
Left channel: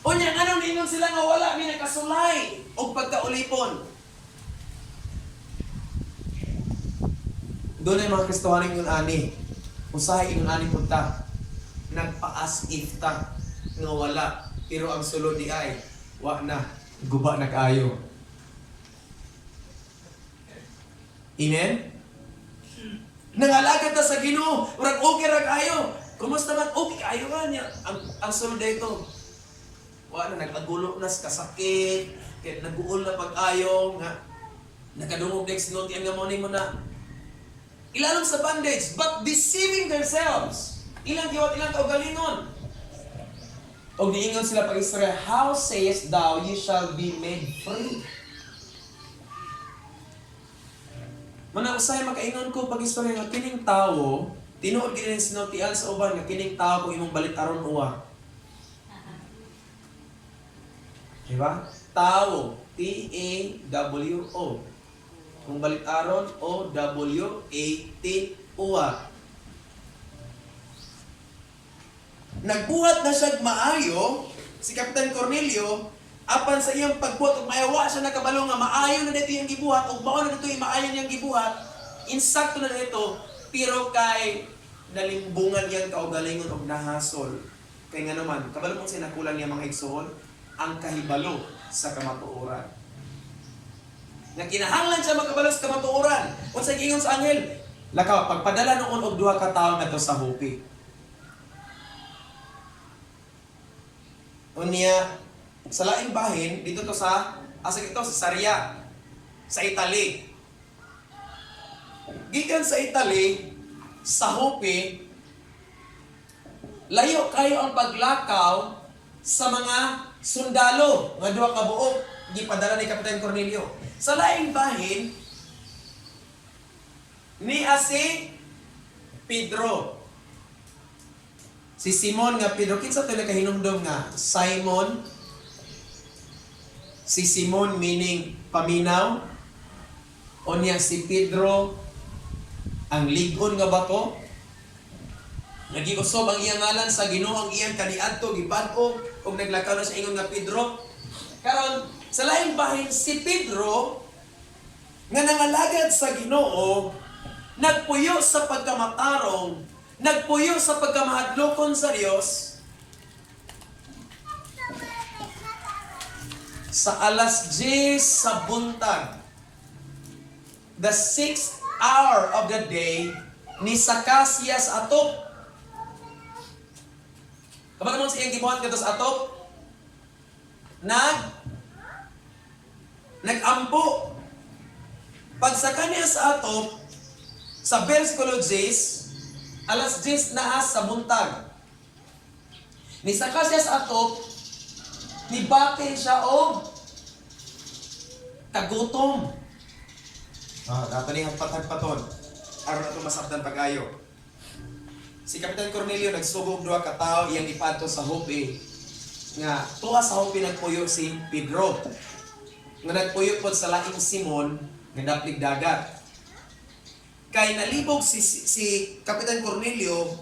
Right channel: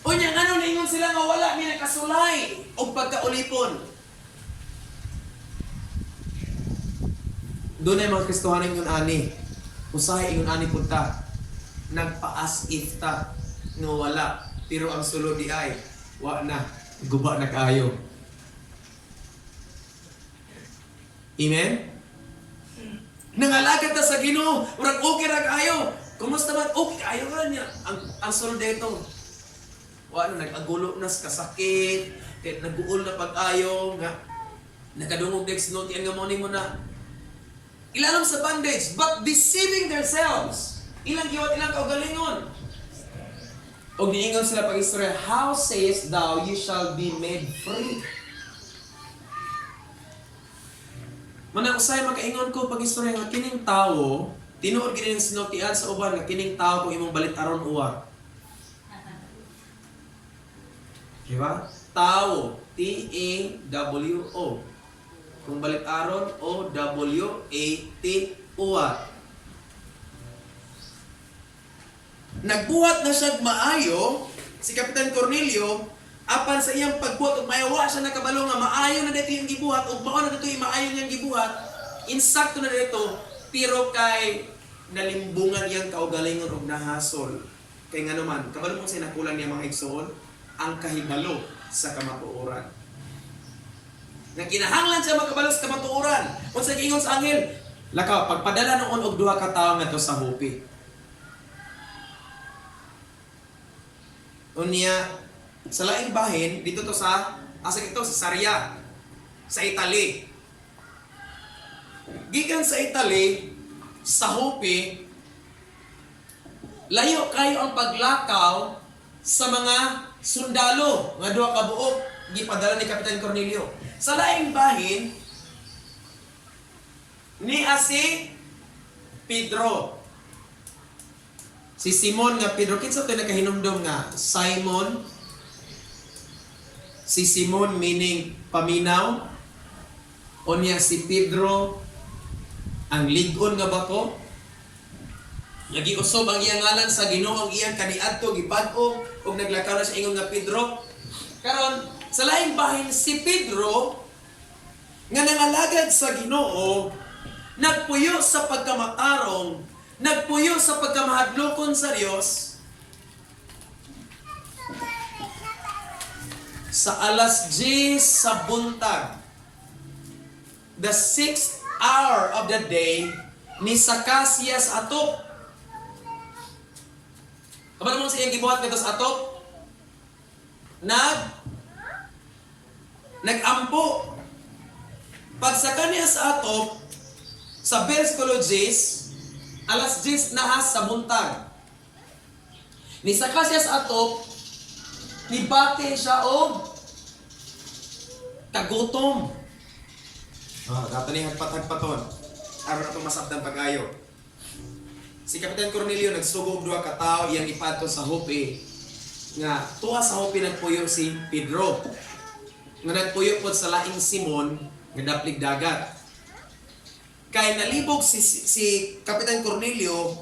Unya ngano niingon sila nga wala mi nakasulay og pagkaulipon? Doon ay mga Kristohanon ingon ani. Usahay ingon ani punta. Nagpa-as if ta nga wala, pero ang sulod di ay wa na, guba na kayo. Amen? Nangalagad ta sa Ginoo, murag okay ra kayo. Kumusta man? Okay kayo man niya. Ang sulod dito. Wa na nag-agulo na sa kasakit, kay nag-uol na pag-ayo nga nakadungog dek sinultian nga mo na ilalong sa bondage, but deceiving themselves. Ilang giwat ilang kaugalingon. Og niingon sila pag-istorya, how sayest thou you shall be made free? Manang-usay makaingon ko pag-istorya nga kining tawo, tinuod gid ning sinultian sa uban nga kining tawo kung imong balit-aron uwa. Diba? Tawo, T-A-W-O. Kung balit-aron, O-W-A-T-O-A. Nagbuhat na siya maayo, si Kapitan Cornelio, apan sa iyang pagbuhat, ug maayawa siya nakabalo nga maayo na dito yung gibuhat, ug maon na dito yung maayo niyang gibuhat, insakto na dito, pero kay nalimbungan iyang kaugalingon og nahasol. Kay nga naman, kabalo mong sinakulan niya mga igsoon, ang kahibalo sa kamatuoran. Nga kinahanglan siya makabalo sa kamatuoran. Unsa giingon sa anghel? Lakaw, pagpadala noon og duha ka tawo ngadto sa Joppe. Unya, sa laing bahin, dito to sa, ito, sa Sarya, sa Italy. Gikan sa Italy, sa Joppe, layo kayo ang paglakaw sa mga sundalo nga duha ka buok gipadala ni Kapitan Cornelio. Sa laing bahin ni si Pedro. Si Simon nga Pedro, kinsa to nakahinumdom nga Simon? Si Simon meaning paminaw. Unya si Pedro ang ligon nga bato. Nagiusob ang iyang ngalan sa Ginoo, ang iyang kaniadto gibag-o ug naglakaw na siya ingon nga Pedro. Karon sa laing bahin si Pedro nga nangalagad sa Ginoo, nagpuyo sa pagkamatarong, nagpuyo sa pagkamahadlokon sa Dios. Sa alas 10 sa buntag, the 6th hour of the day, ni sakas siya sa atop. Kapag naman siyang gibuhat ka sa atop, nag-ampo. Pagsaka niya sa atop, sa versikulo 10, alas 10 na sa buntag. Nisaka siya sa atop, nibate siya og kagutom. Dato ni hagpat-hagpaton. Aron na itong masabdan pag-ayo. Si Kapitan Cornelio nagsugod duha ka tawo iyang ipadto sa Joppe. Nga tuwa sa Joppe nagpuyo si Pedro. Nga nagpuyo pod sa laing Simon nga daplig dagat. Kay nalibog si Kapitan Cornelio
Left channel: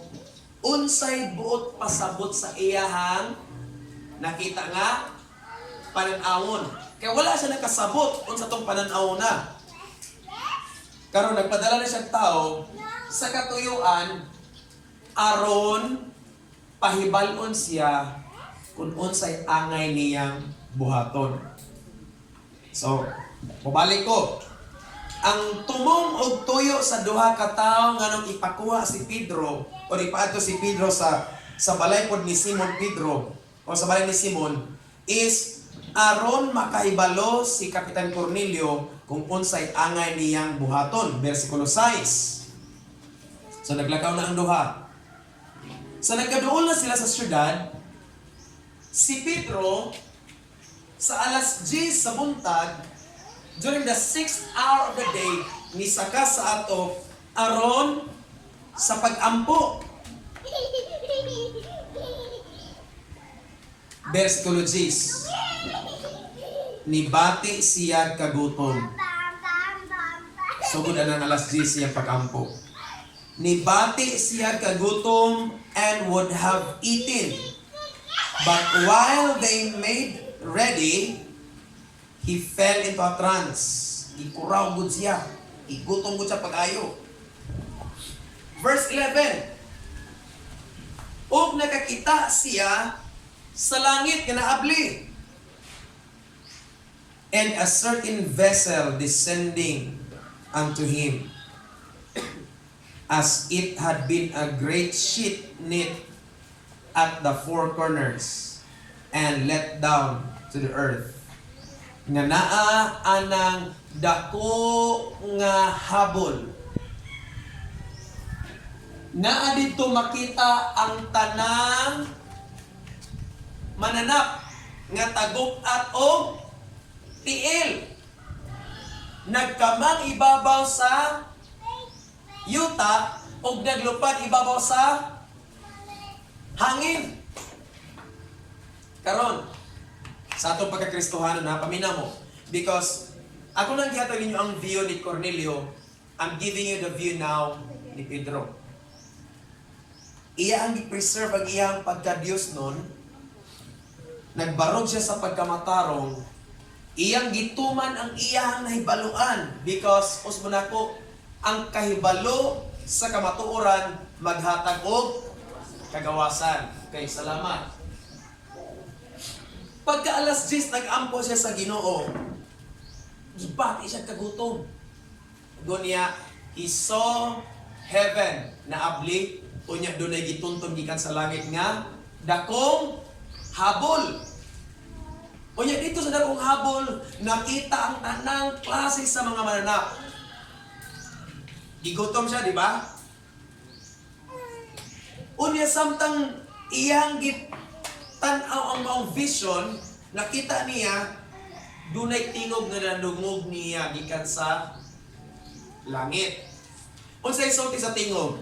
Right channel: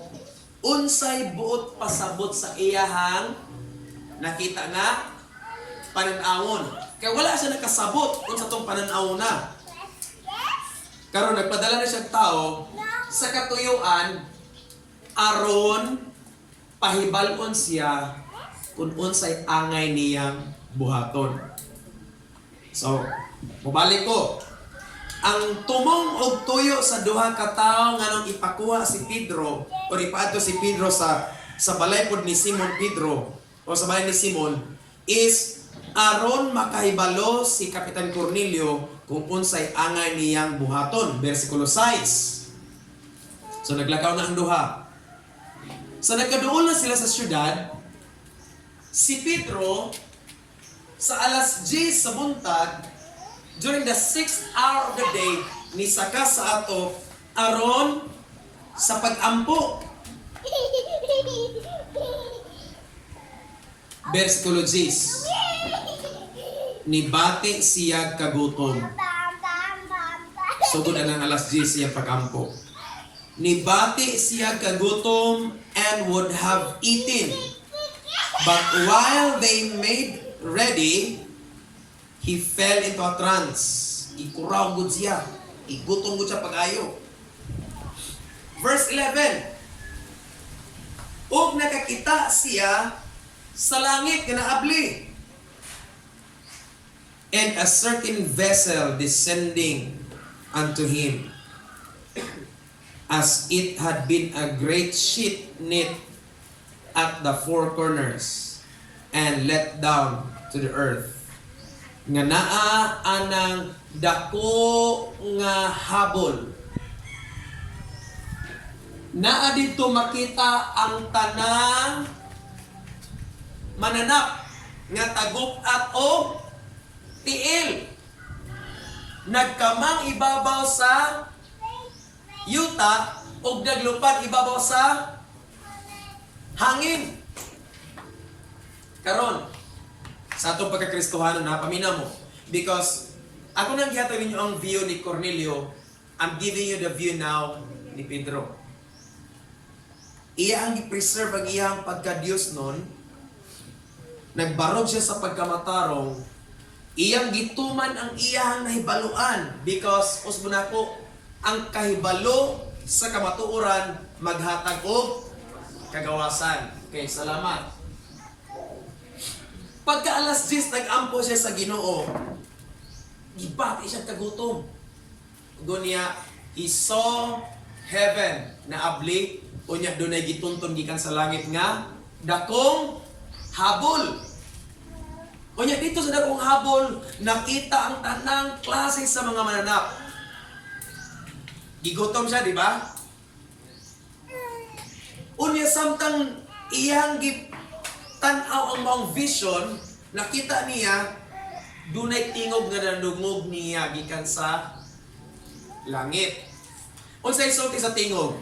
unsay buot pasabot sa iyahang nakita nga panan-awon. Kay wala siya nakasabot unsa tong panan-awon na. Karon nagpadala na siya tao sa katuyuan aron pahibalon siya kung unsay angay niyang buhaton. So, mabalik ko. Ang tumong og tuyo sa duha ka tawo nga nang ipakuha si Pedro o ipaadto si Pedro sa balay pod ni Simon Pedro o sa balay ni Simon is aron makahibalo si Kapitan Cornelio kung unsay angay niyang buhaton. Versikulo 6. So naglakaw na ang duha. So nagkaduol na sila sa syudad. Si Pedro sa alas 10 sa buntag during the 6th hour of the day nisaka sa atop aron sa pag-ampo. Versikulo 10. Nibati siya kagutom. Sugod ang alas 10 siya pag-ampo. Nibati siya kagutom and would have eaten. But while they made ready, he fell into a trance. Ikuraw gud siya. Igutom gud siya pag-ayo. Verse 11. Og nakakita siya sa langit nga naabli. And a certain vessel descending unto him, as it had been a great sheet knit at the four corners and let down to the earth. Nga naa anang dako nga habol. Naa dito makita ang tanang mananap nga tagupat o tiil. Nagkamang ibabaw sa yuta o naglupad ibabaw sa hangin. Karon, sa atong pagkakristohano na pamina mo. Because ako nang gihatag ninyo ang view ni Cornelio, I'm giving you the view now ni Pedro. Iya ang i-preserve ang iyang pagka-Diyos nun. Nagbarog siya sa pagkamatarong. Iyang gituman ang iyang nahibaluan. Because, usbo na ko, ang kahibalo sa kamatuoran maghatag og kagawasan. Okay, salamat. Pagka alas 10 nag-ampo siya sa Ginoo, gibati siya kagutom. Gunya, he saw heaven na abli, unya dunay gitunton gikan sa langit nga dakong habol. Unya dito sa dakong habol, nakita ang tanang klase sa mga mananap. Gigutom siya, di ba? Unya samtang iyang tanaw ang maong vision, nakita niya dunay tingog nga nandungog niya gikan sa langit. Unsay sulti sa tingog?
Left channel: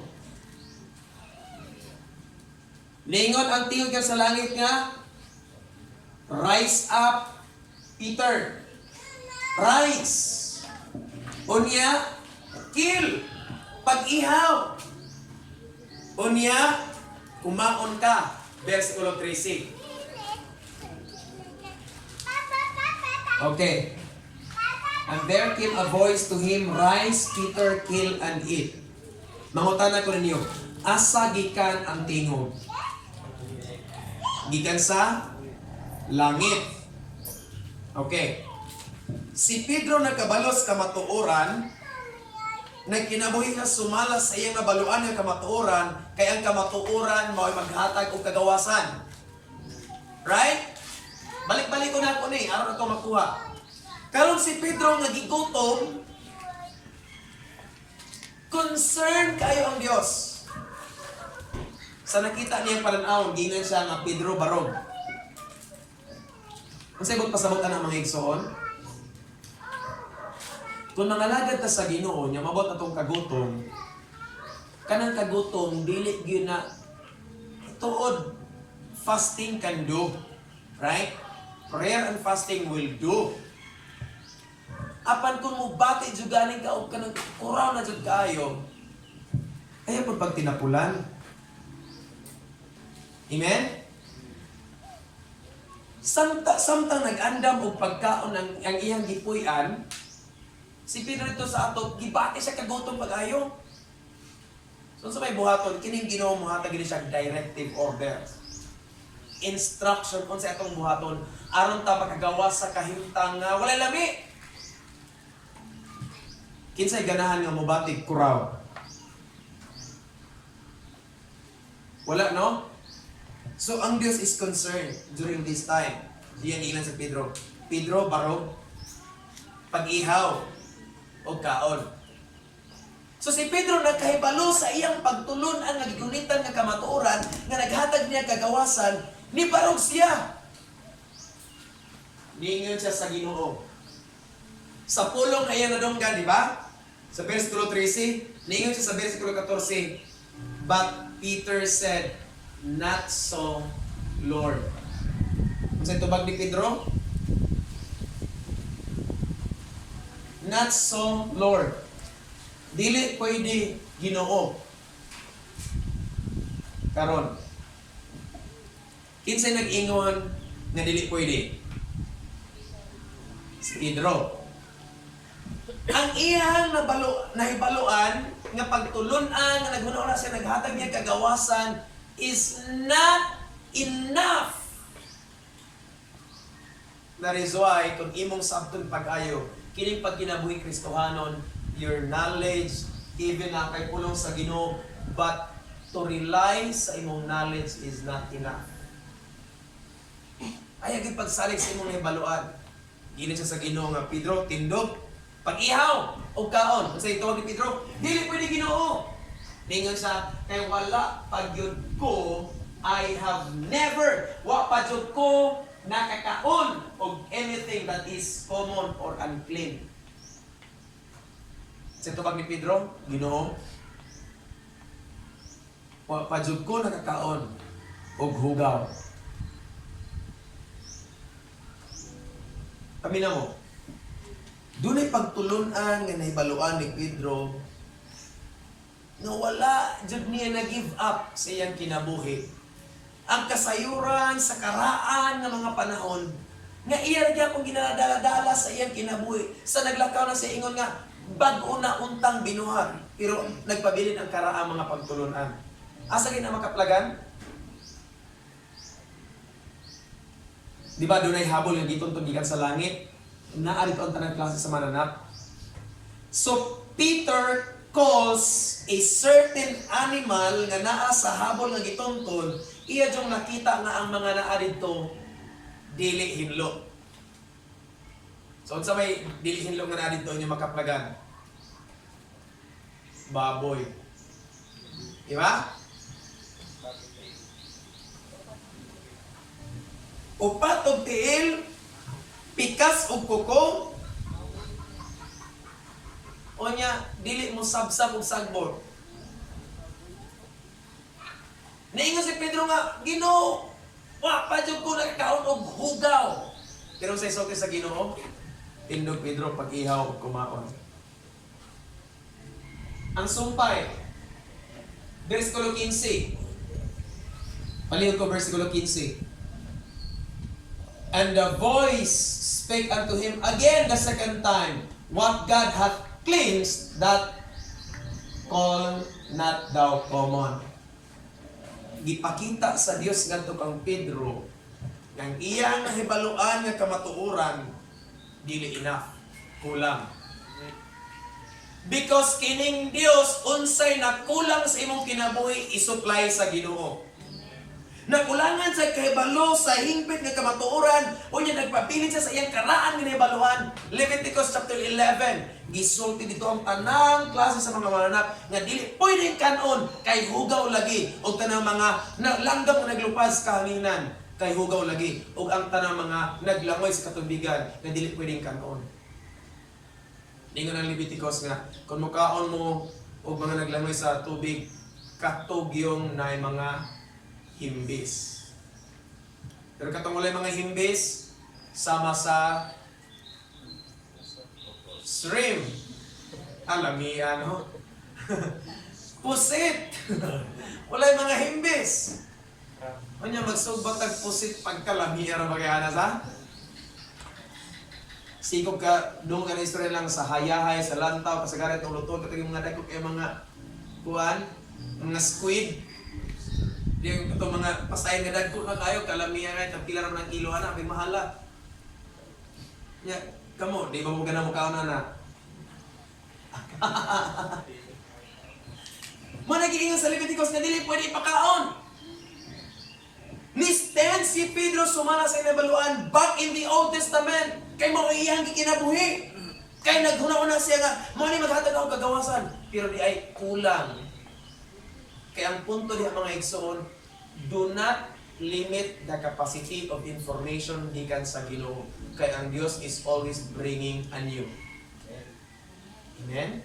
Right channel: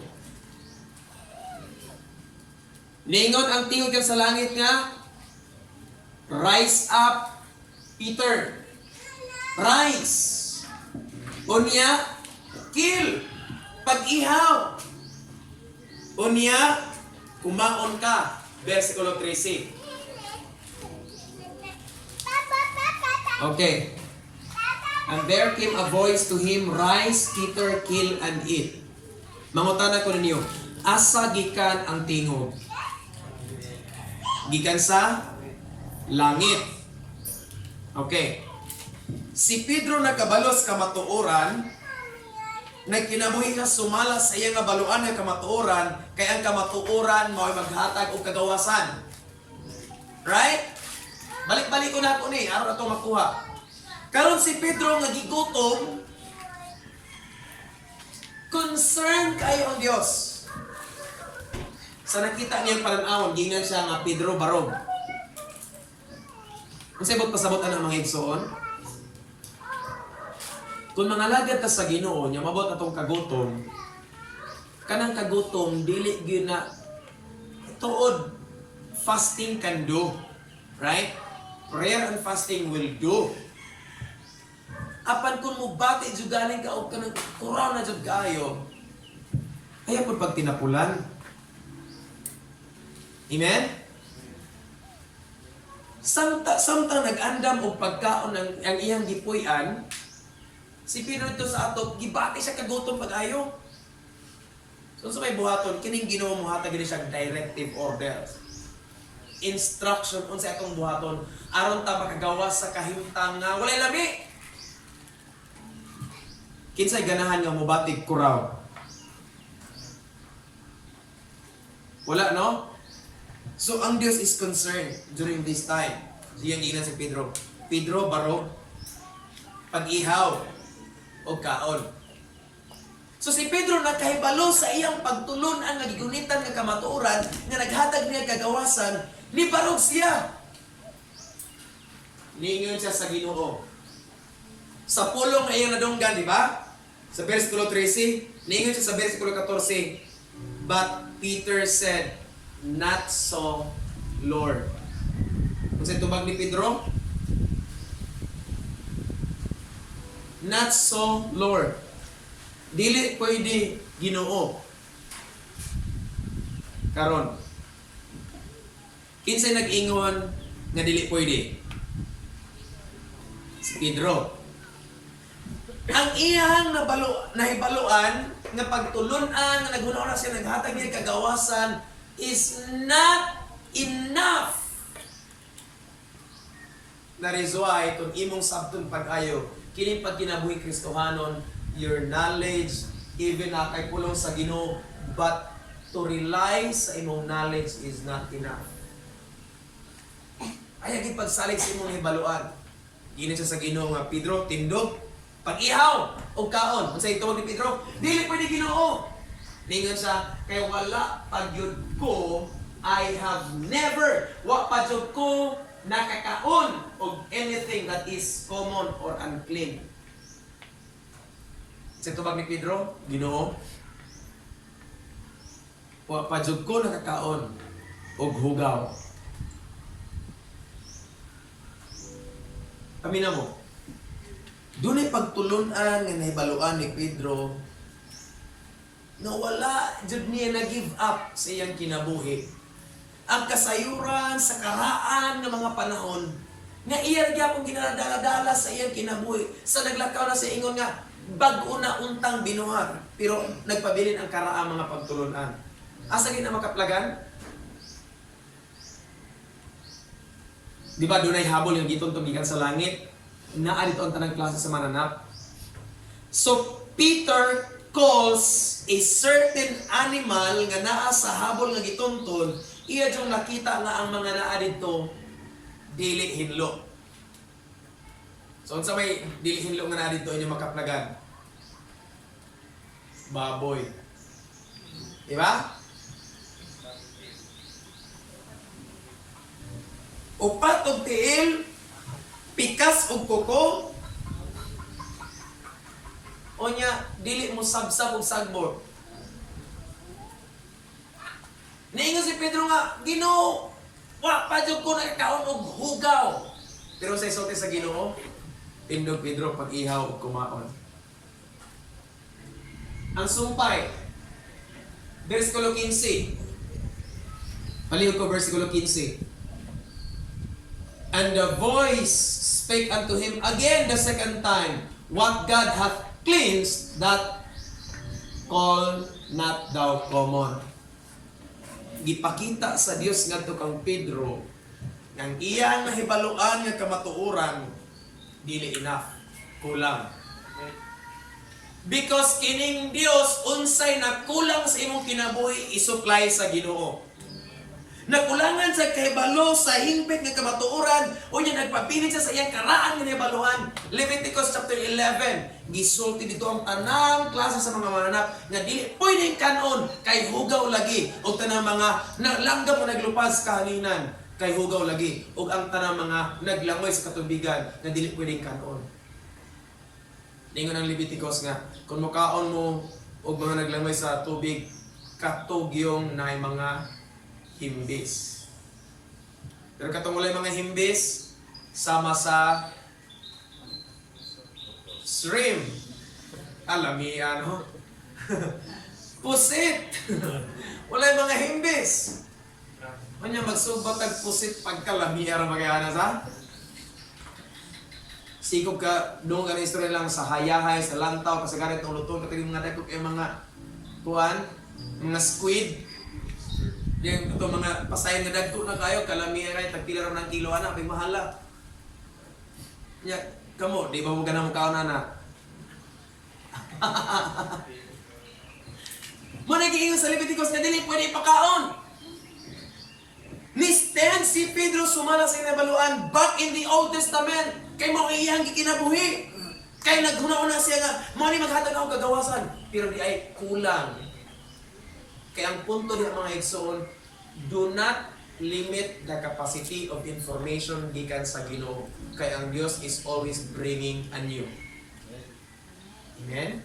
Ningon ang tingog kan sa langit nga, rise up, Peter. Rise. Unya, kill. Pag-ihaw. Unya, kumaon ka. Versikulo 13. Okay. And there came a voice to him, rise, Peter, kill and eat. Mangutana ko ninyo, asa gikan ang tingog? Gikan sa langit. Okay. Si Pedro nagkabalos kamatuoran, nagkinabuhi nga sumala sa iyang nabaluan nga kamatuoran, kay ang kamatuoran mao'y maghatag og kagawasan. Right? Balik-balik ko na ako ni, aron na ito makuha. Karon si Pedro nga gigutom, concern kayo ang Dios. Sa nakita niyang pananawon, gingan siya nga Pedro barog. Kung sa ibot pasabot na ng mga igsoon, kung mangalagad ta sa Ginoo nya mabot atong kagutom, kanang kagutom dili gyud na tuod fasting can do, right? Prayer and fasting will do. Apan kung mo bati jud galing ka og kanang kuraw na jud kaayo, ayaw pud pag tinapulan. Amen? Samtang nag-andam og pagkaon ang iyang gipuy-an, si Pedro ito sa ato, gibati siya kagutom pag-ayo. So sa may buhaton, kining Ginoo mo hatag gini siya directive orders. Instruction on sa atong buhaton, aron ta makagawas sa kahimtang nga walay lami. Kinsay ganahan nga mobatig kuraw? Wala, no? So ang Dios is concerned during this time. So yung ingnan si Pedro. Pedro, barog, pag-ihaw, o kaon. So si Pedro nakahibalo sa iyang pagtulon ang nagigunitan nga kamatuoran nga naghatag niya kagawasan, ni barog siya. Niingon siya sa Ginoo. Sa pulong na iyang nadunggan, di ba? Sa versikulo 13, niingon siya sa versikulo 14, but Peter said, not so, Lord. Kung saan tubag ni Pedro? Not so, Lord. Dili pwede, Ginoo. Karon. Kinsay nag-ingon nga dili pwede? Si Pedro. Ang iyang nahibaluan nga pagtulunan nga naghunaw siya naghatag niya kagawasan is not enough. That is why kung imong sabton pag-ayo kining pagkinabuhi Kristohanon, your knowledge even na kay pulong sa Ginoo, but to rely sa imong knowledge is not enough. Ay gid pagsalig sa imong hibaluan. Gini siya sa Ginoo nga Pedro tindog pag-ihaw o kaon. Unsay tuwag ni Pedro? Dili pwede Ginoo. Ningon siya, kay wala pagyud ko, I have never, wa pagyud ko nakakaon of anything that is common or unclean. Sa tubag ni Pedro, Ginoo, wa pagyud ko nakakaon og hugaw. Amina mo. Dunay pagtulunan nga nahibaluan ni Pedro na wala jud niya na-give up sa iyang kinabuhi. Ang kasayuran sa karaan ng mga panahon nga iya gyapon ginadala-dala sa iyang kinabuhi. Sa naglakaw na sa ingon nga bag-o na untang binuhat, pero nagpabilin ang karaang mga pagtulunan. Asa gina makaplagan? Di ba dunay habol nga giton gikan sa langit? Naa dito ang tanang klase sa mananap. So Peter calls a certain animal nga naa sa habol nga gitunton, iya jung nakita nga ang mga naa dito dili hinlo. So unsa may dili hinlo nga naa dito inyo makaplagan? Baboy. Di ba? Upat og tiil, pikas og kuko, o nya, dili mo sabsab og sagbor. Niingon si Pedro nga, Ginoo, wa pa jud ko nagkaon og hugaw. Pero sa isulti sa Ginoo, tindog Pedro pag-ihaw og kumaon. Ang sumpay, versikulo 15. Palihog ko versikulo 15. And the voice spake unto him again the second time, What God hath cleansed, that call not thou common. Gipakita sa Dios ngadto kang Pedro nang iyang nahibaluan nga kamatuoran dili enough, kulang. Because kining Dios unsay nakulang sa imong kinabuhi isupply sa Ginoo. Nakulangan sa kahibalo sa hingpit nga kamatuoran o niya nagpapilit siya sa iyang karaan nga nahibaluan. Leviticus chapter 11, gisulti dito ang tanang klase sa mga mananap nga dili pwedeng kanon kay hugaw lagi o tanang mga nalanggam nga naglupad sa kahanginan kay hugaw lagi o ang tanang mga naglangoy sa katubigan nga dili pwedeng kanon. Ningon ang Leviticus nga kung mukaon mo o mga naglangoy sa tubig katugyong na mga himbis. Pero katong walay mga himbis sama sa shrimp. Alamian, no? Pusit. Walay mga himbis. Kanya magsugbatag pusit pagkalamian ra magana sa. Sigog ka doon ka na istorya lang sa hayahay, sa lantaw, kasagaran itong lutong, kataging mga dagkog yung mga kuwan, mga squid. Yung ito mga pasayan nga dagko na kayo, kalamihan ay tagpila naman ng kilo, anak, may mahala. Ya, kamo, di ba mo ganang mukha na? Mo nag-iingon sa Leviticus na dili pwede ipakaon. Ni-stand si Pedro sumala sa inabaluan back in the Old Testament. Kay mo iyang kinabuhi. Kay naghuna-una siya nga, mo ni maghatag ako kagawasan. Pero di ay kulang. Kaya ang punto diha mga igsoon, do not limit the capacity of information gikan sa Ginoo. Kaya ang Dios is always bringing anew. Amen?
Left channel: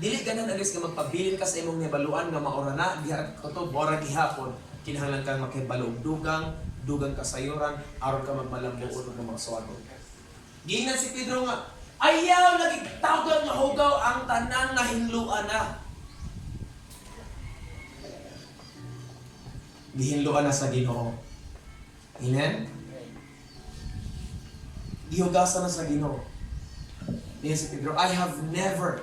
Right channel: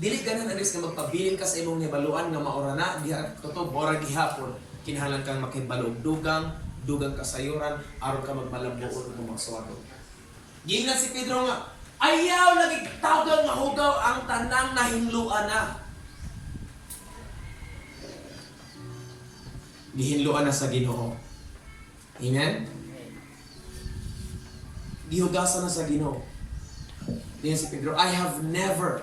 Dili ganan ang Dios nga magpabilin ka sa imong nabaluan nga maura na diha kutob ora gihapon. Kinahanglan kang makahibalo og dugang kasayuran aron ka magmalambuon ug magsuwagon. Giingnan si Pedro nga, ayaw nagitawag nga hugaw ang tanang nahinluan na. Gihinluan na sa Ginoo. Amen? Gihugasan na sa Ginoo. Diyan si Pedro, I have never,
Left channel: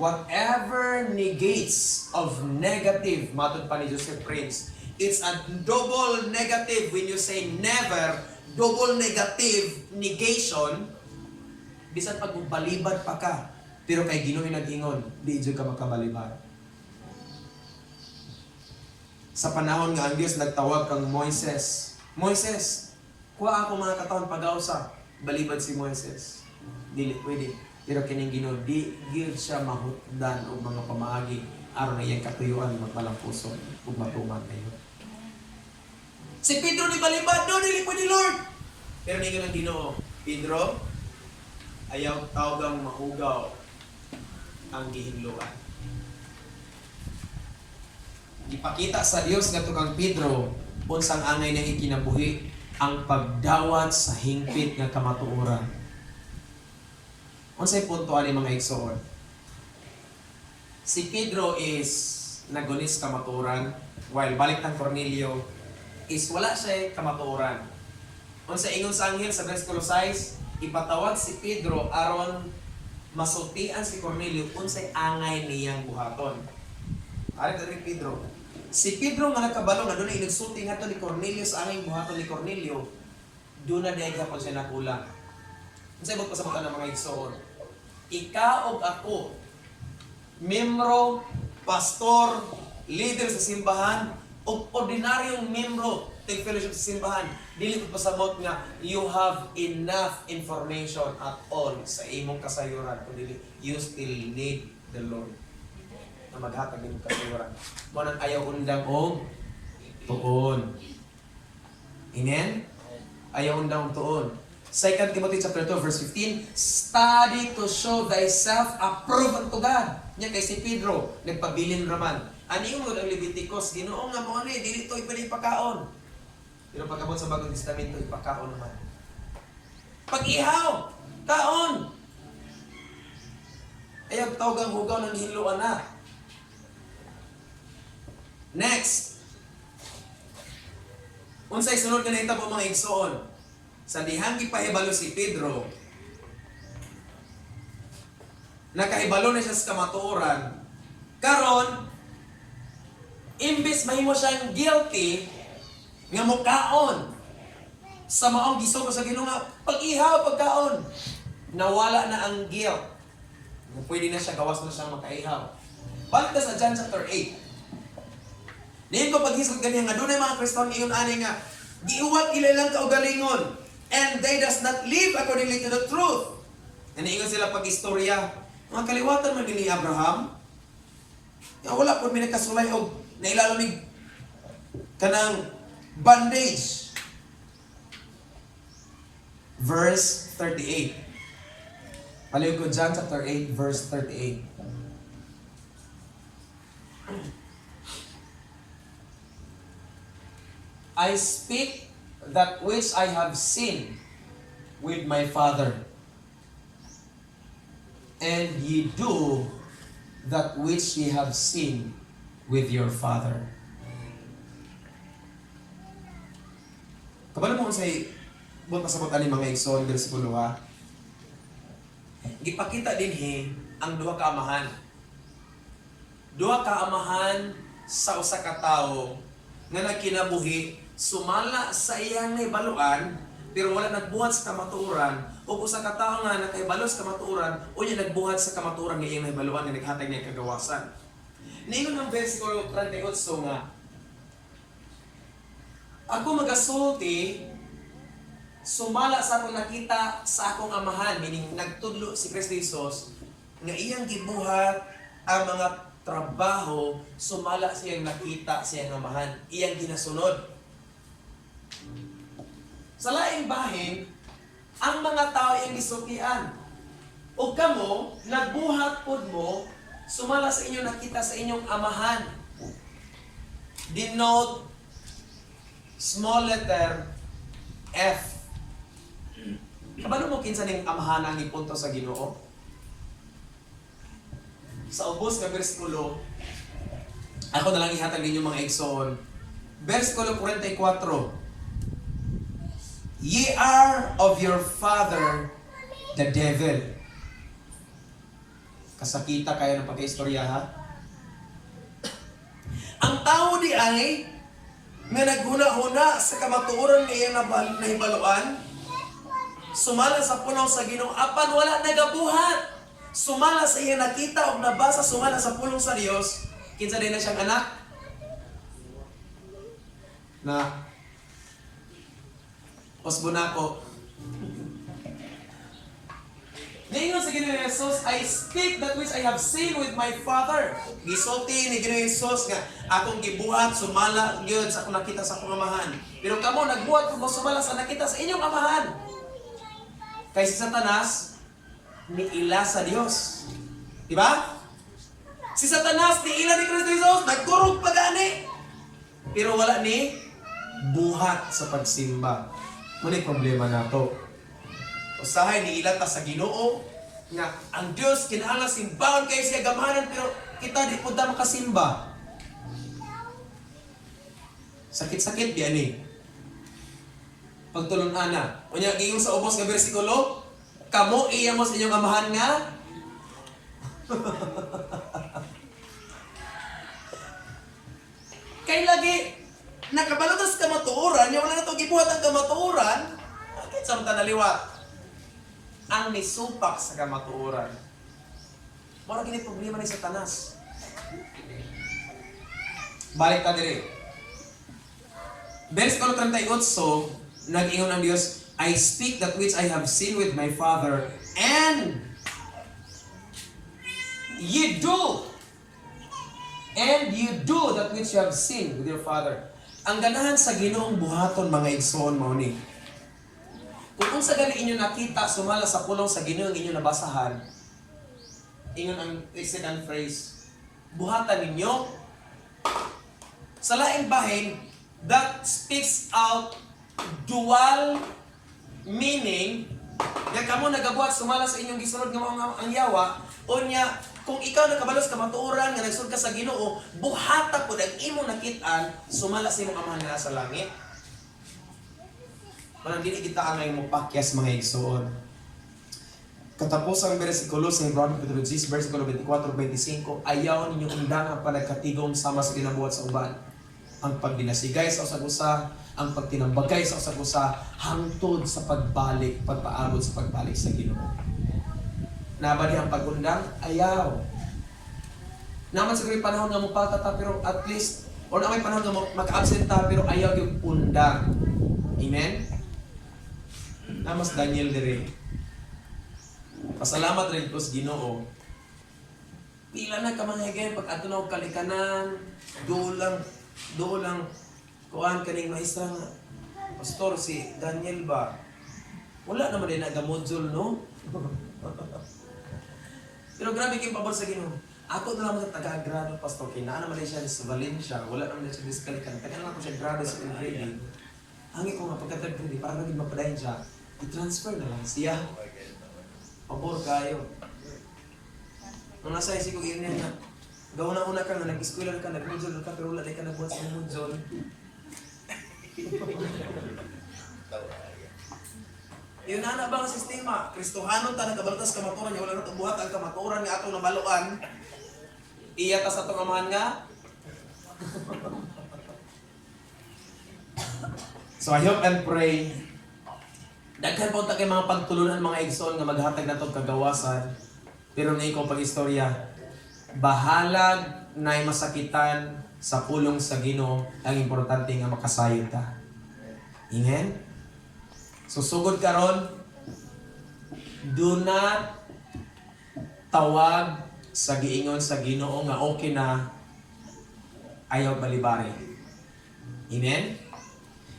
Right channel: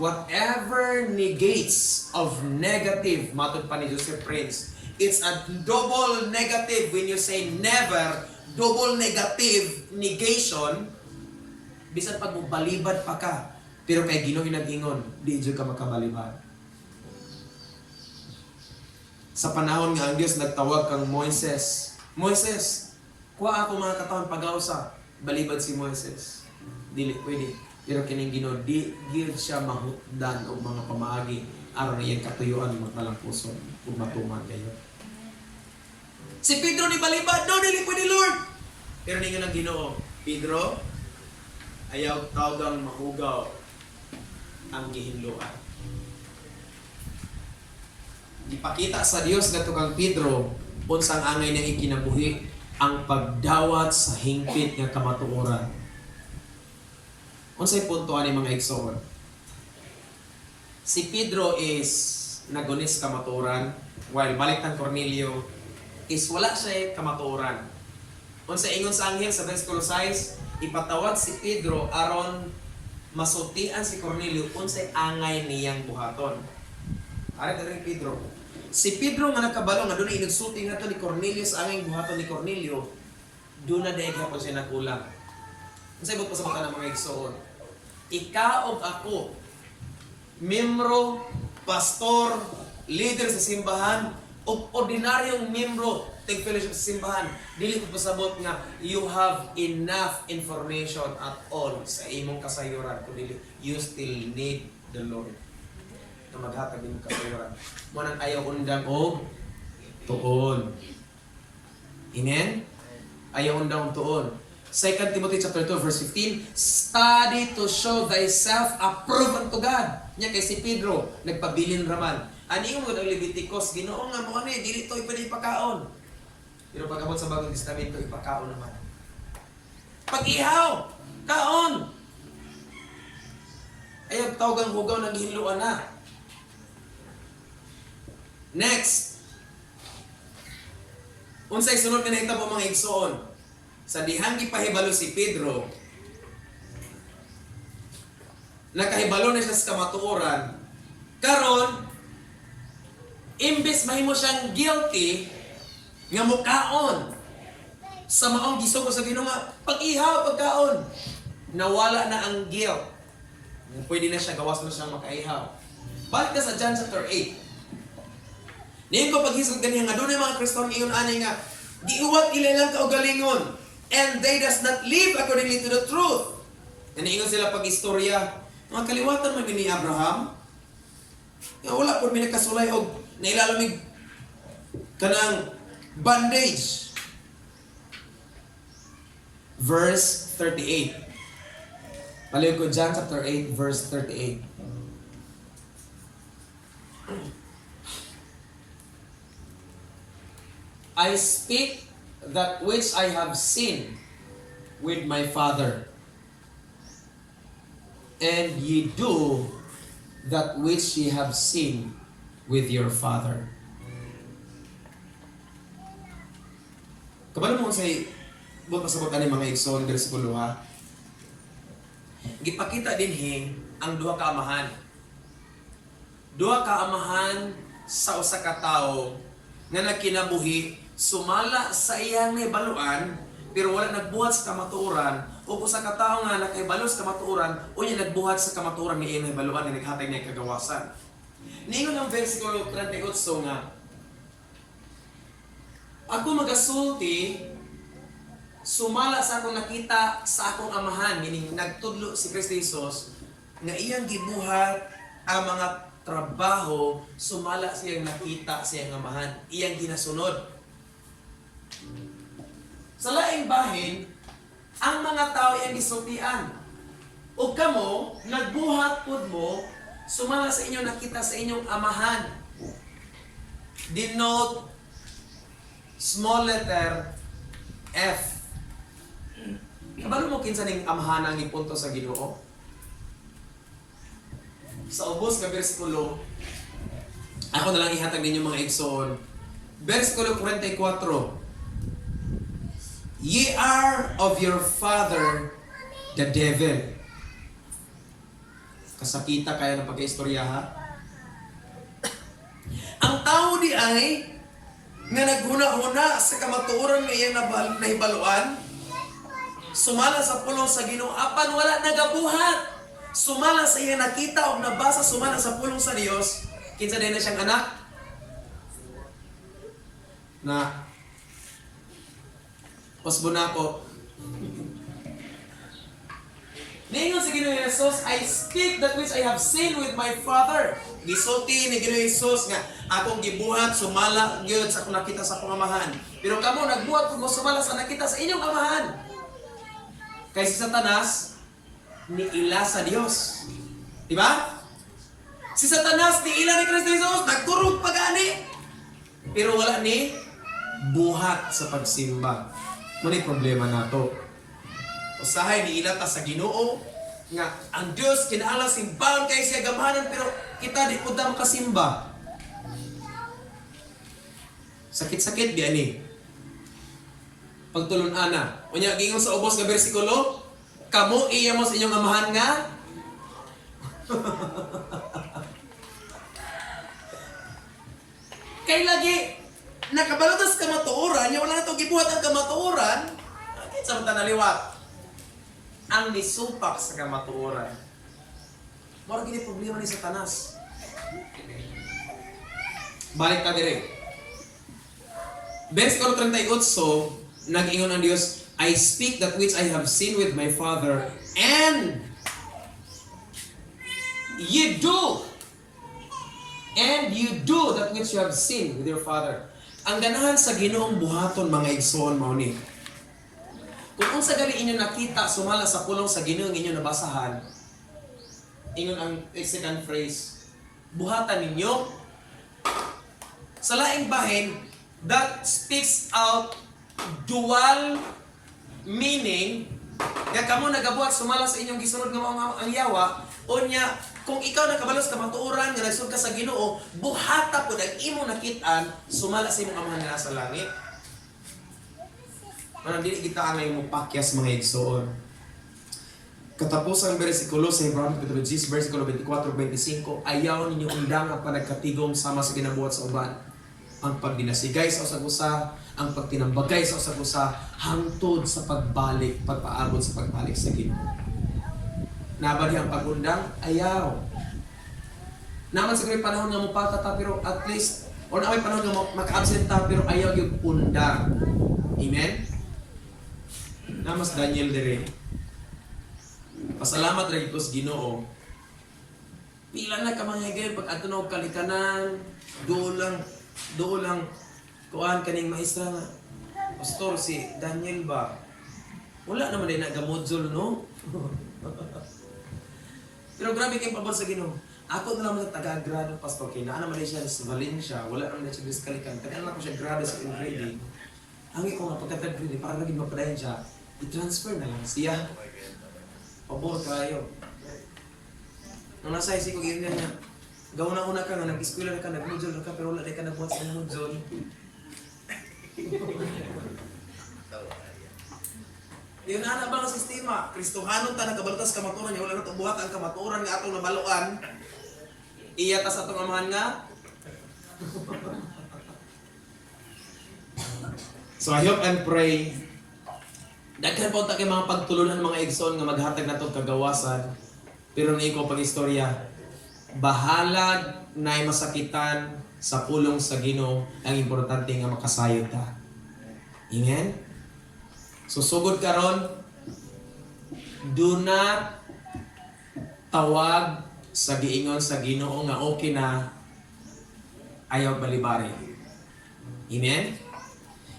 whatever negates of negative, matod pa ni Joseph Prince, it's a double negative when you say never, double negative negation, bisan pag balibad pa ka, pero kay Ginoo nag-ingon, di jud ka makabalibad. Sa panahon nga ang Diyos nagtawag kang Moises, Moises, kuha ako mga katawan pag-ausa. Balibad si Moises. Dili pwede. Pero kining Ginoo di gyud siya mahutdan og mga pamaagi aron iyang katuyuan magpalampuson ug matuman kayo. Si Pedro ni balibad, no dili pwede Lord. Pero ningon ang Ginoo, Pedro, ayaw tawgang mahugaw ang gihinluan. Ipakita sa Dios ngadto kang Pedro unsang angay niya ikinabuhi ang pagdawat sa hingpit nga kamatuoran. Unsay punto ani mga igsoon? Si Pedro is nagunis kamatuoran while balik ng Cornelio is wala siya kamatuoran. Unsay ingon sa anghel sa versikulo 6, ipatawag si Pedro aron masultian si Cornelio unsay angay niyang buhaton. Ari Pedro. Si Pedro nga nakabalo nga doon ay nagsulti nga to ni Cornelio sa aming buhaton ni Cornelio, doon na dahil hapon siya nakulang. Ang saibot pa sa mga ng mga igsoon. Ikaw o ako, membro, pastor, leader sa simbahan, o ordinaryong membro, take fellowship sa simbahan, dili ko pasabot nga you have enough information at all sa imong kasayuran. Kung dili, you still need the Lord na maghatag imong kasayuran. Mo nang ayaw undang og tuon. Amen? Ayaw undang og tuon. 2 Timothy chapter 2 verse 15, study to show thyself approved unto God. Nya kay si Pedro nagpabilin raman. Ani mo ang Leviticus, Ginoo nga mo ani dili to ipali pakaon. Pero pagabot sa Bagong Testamento ipakaon naman. Pag-ihaw, kaon. Ayaw tawag ang hugaw ng hiluan na. Next. Unsay sunod nga nahitabo mga igsoon? Sa dihang gipahibalo si Pedro, nakahibalo na siya sa kamatuoran. Karon, imbes mahimo siyang guilty nga mukaon sa maong gisugo sa Ginoo nga pag-ihaw pagkaon, nawala na ang guilt. Pwede na siya gawas na siyang makaihaw. Balik na sa John chapter 8. Niyon ko paghisog ganyan nga doon ay mga Kristiyan ingon ani nga giuwat ilalang kaugalingon. And they does not live accordingly to the truth. Naniingon sila pag-istorya. Mga kaliwatan man ni Abraham. Nga wala po minakasulay o nailalamig kanang bandage. Verse 38. Paliw ko John chapter 8 verse 38. I speak that which I have seen with my Father, and ye do that which ye have seen with your father. Kabalo mo say buot pasabot ani mga igsoon bersikulo ha. Gipakita dinhi ang duha ka amahan. Duha ka amahan sa usa ka tawo nga nagkinabuhi sumala sa iyang nahibaluan pero wala nagbuhat sa kamatuoran o usa ka tawo nga nakahibalo sa kamatuoran o niya nagbuhat sa kamatuoran ni iyang nahibaluan nga naghatag niya kagawasan. Niingon ang versikulo 38 nga ako magasulti sumala sa akong nakita sa akong amahan, meaning nagtudlo si Kristo Jesus nga iyang gibuhat ang mga trabaho sumala siyang nakita siyang amahan, iyang ginasunod. Sa laing bahin, ang mga tao iyang gisultian. O kamo, nagbuhat pod mo, sumala sa inyo nakita sa inyong amahan. Denote small letter F. Kabalo mo kinsa ning amahan ang ipunto sa Ginoo? Sa ubos nga bersikulo, ako na lang ihatag ninyo mga igsoon. Bersikulo 44. Ye are of your father, the devil. Kasakita kayo ng pagka-istorya ha? Ang tao di ay nga naghuna-huna sa kamatuoran ng iyang nahibaluan, sumala sa pulong sa Ginoo, apan wala nagabuhat. Sumala sa iyang nakita o nabasa, sumala sa pulong sa Dios, kinsa din na siyang anak na Osbonako. Ningon sa Ginoong Jesus, I speak that which I have seen with my Father. Gisulti ni Ginoong Jesus nga akong gibuhat sumala gyud sa akong nakita sa akong amahan. Pero kamo nagbuhat kung sumala sa nakita sa inyong amahan. Kay si Satanas niila sa Dios. Di ba? Si Satanas niila ni Kristo Jesus, nagkurog pagani. Pero wala ni buhat sa pagsimba. Muna problema nato. Usahay ni ilata sa Ginoo nga ang Dios kinahanglan simbahon kay siya gamahanan pero kita di pud ta makasimba. Sakit-sakit biya ni. Pagtulon ana. Unya giingon sa ubos nga bersikulo, kamo iya mo sa inyong amahan nga Kay lagi nakabalutas ka matuoran, yung wala na ito gibuhat ang kamatuoran, bakit sa mata naliwat? Ang nisupak sa kamatuoran. Mara gini problema ni Satanas. Balik ka dire. Verse 38, nag-ingon ang Diyos, I speak that which I have seen with my Father, and you do that which you have seen with your Father. Ang ganahan sa Ginoong buhaton mga igsoon mao ni. Kung unsa gani inyo nakita sumala sa pulong sa Ginoo inyo nabasahan, ingon ang second phrase, buhatan ninyo. Sa laing bahin, that speaks out dual meaning. Kaya kamo nagabuhat sumala sa inyong gisunod nga ang yawa, unya kung ikaw nakabalos ka matuoran nga nagsud ka sa Ginoo, buhata pud ang imong nakitaan sumala sa imong amahan nga sa langit. Manang dili kita angay mo pakyas mga igsoon. Katapos ang bersikulo sa Hebreo kapitulo 10 bersikulo 24-25, ayaw ninyo undang ang panagkatigom sama sa ginabuhat sa uban. Ang pagdinasigay sa usag-usa, ang pagtinambagay sa usag-usa, hangtod sa pagpaabot sa pagbalik sa Ginoo. Nabadi ang pagundang, ayaw. Naman sa ganyung panahon nga mupalta ta, pero at least, o na may panahon nga maka-absent ta, pero ayaw yung undang. Amen? Namas Daniel dire. Pasalamat rin ko sa Ginoo. Pila na ka mga higay, pag ato na kalikanan, doon lang, kuhaan kaning maestra nga. Pastor, si Daniel ba? Wala naman din nagamodzol, no? Pero grabe kayong pabor sa Ginoo. Ako na naman sa taga-grado, Pastor, kaya naman din siya sa Valencia, wala naman din siya sa kalikan. Kaya naman ko siya grado sa grading. Hangi ko nga pagka-grading, para naging mapadayan siya, i-transfer na lang siya. Pabor kayo. Nung nasa isip ko, ganyan nga, gawa-una ka nga, nag-eskwela ka, nag-modzol ka, pero wala din ka nagbuhat sa modzol. Yun na ba ang sistema? Kristohanon ta nagabaltas kamaturan niya, wala na buhat ang kamaturan nga atong nabaluan. Iya ta sa atong amahan nga. So I hope and pray daghan po ta kay mga pagtulunan mga igsoon nga maghatag nato kagawasan. Pero na ikaw pag-istorya, bahalag na masakitan sa pulong sa Ginoo, ang importante nga makasayod ta. Amen? Susugod karon, do not tawag sa giingon sa Ginoo nga okay na ayaw balibari. Amen?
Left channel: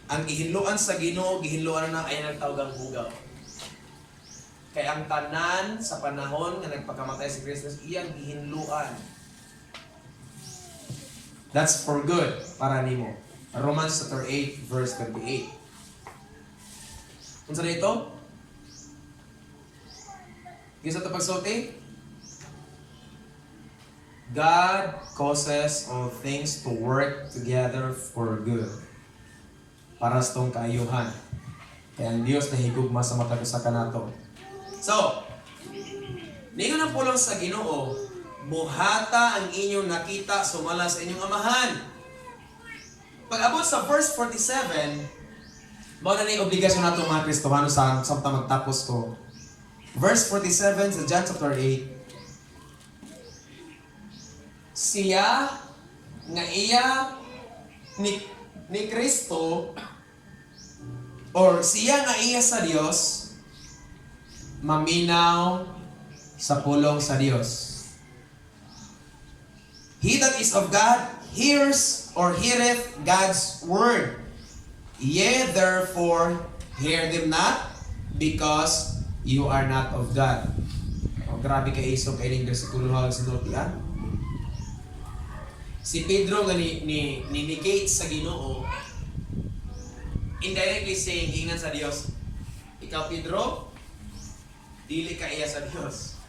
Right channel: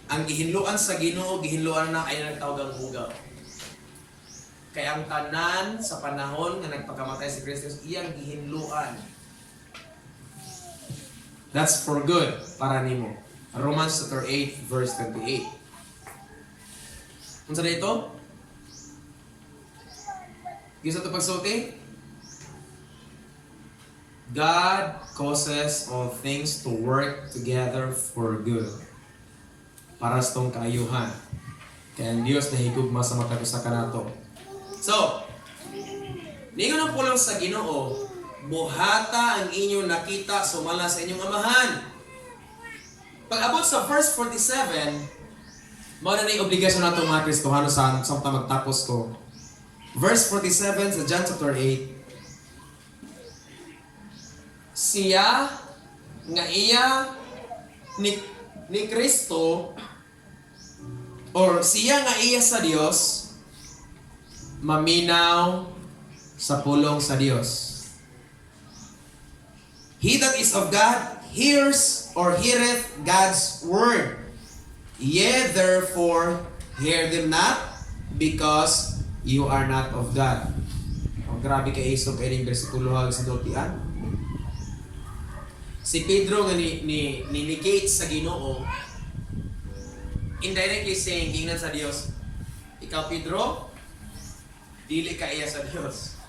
Ang gihinluan sa Ginoo, gihinluan na ay nagtawag ang bugaw. Kaya ang tanan sa panahon nga nagpakamatay si Kristo, iyang gihinluan. That's for good para nimo. Romans chapter 8 verse 28. Unsa dito? Gisa to pagsulti? God causes all things to work together for good. Para sa tong kaayuhan. Kaya ang Diyos na higugma sa mata sa kanato. So, ningon ang pulong sa Ginoo, buhata ang inyong nakita sumala sa inyong amahan. Pag abot sa verse 47, mao na ni obligasyon nato mga Kristohano sa magtapos ko. Verse 47 sa John chapter 8. Siya nga iya ni Kristo, or siya nga iya sa Dios, maminaw sa pulong sa Dios. He that is of God hears or heareth God's word. Ye therefore hear them not, because you are not of God. O grabe ka iso kay ning bersikulo hag sa dotian. Si Pedro nga ni negate sa Ginoo, indirectly saying ingnan sa Dios, ikaw Pedro, dili ka iya sa Dios.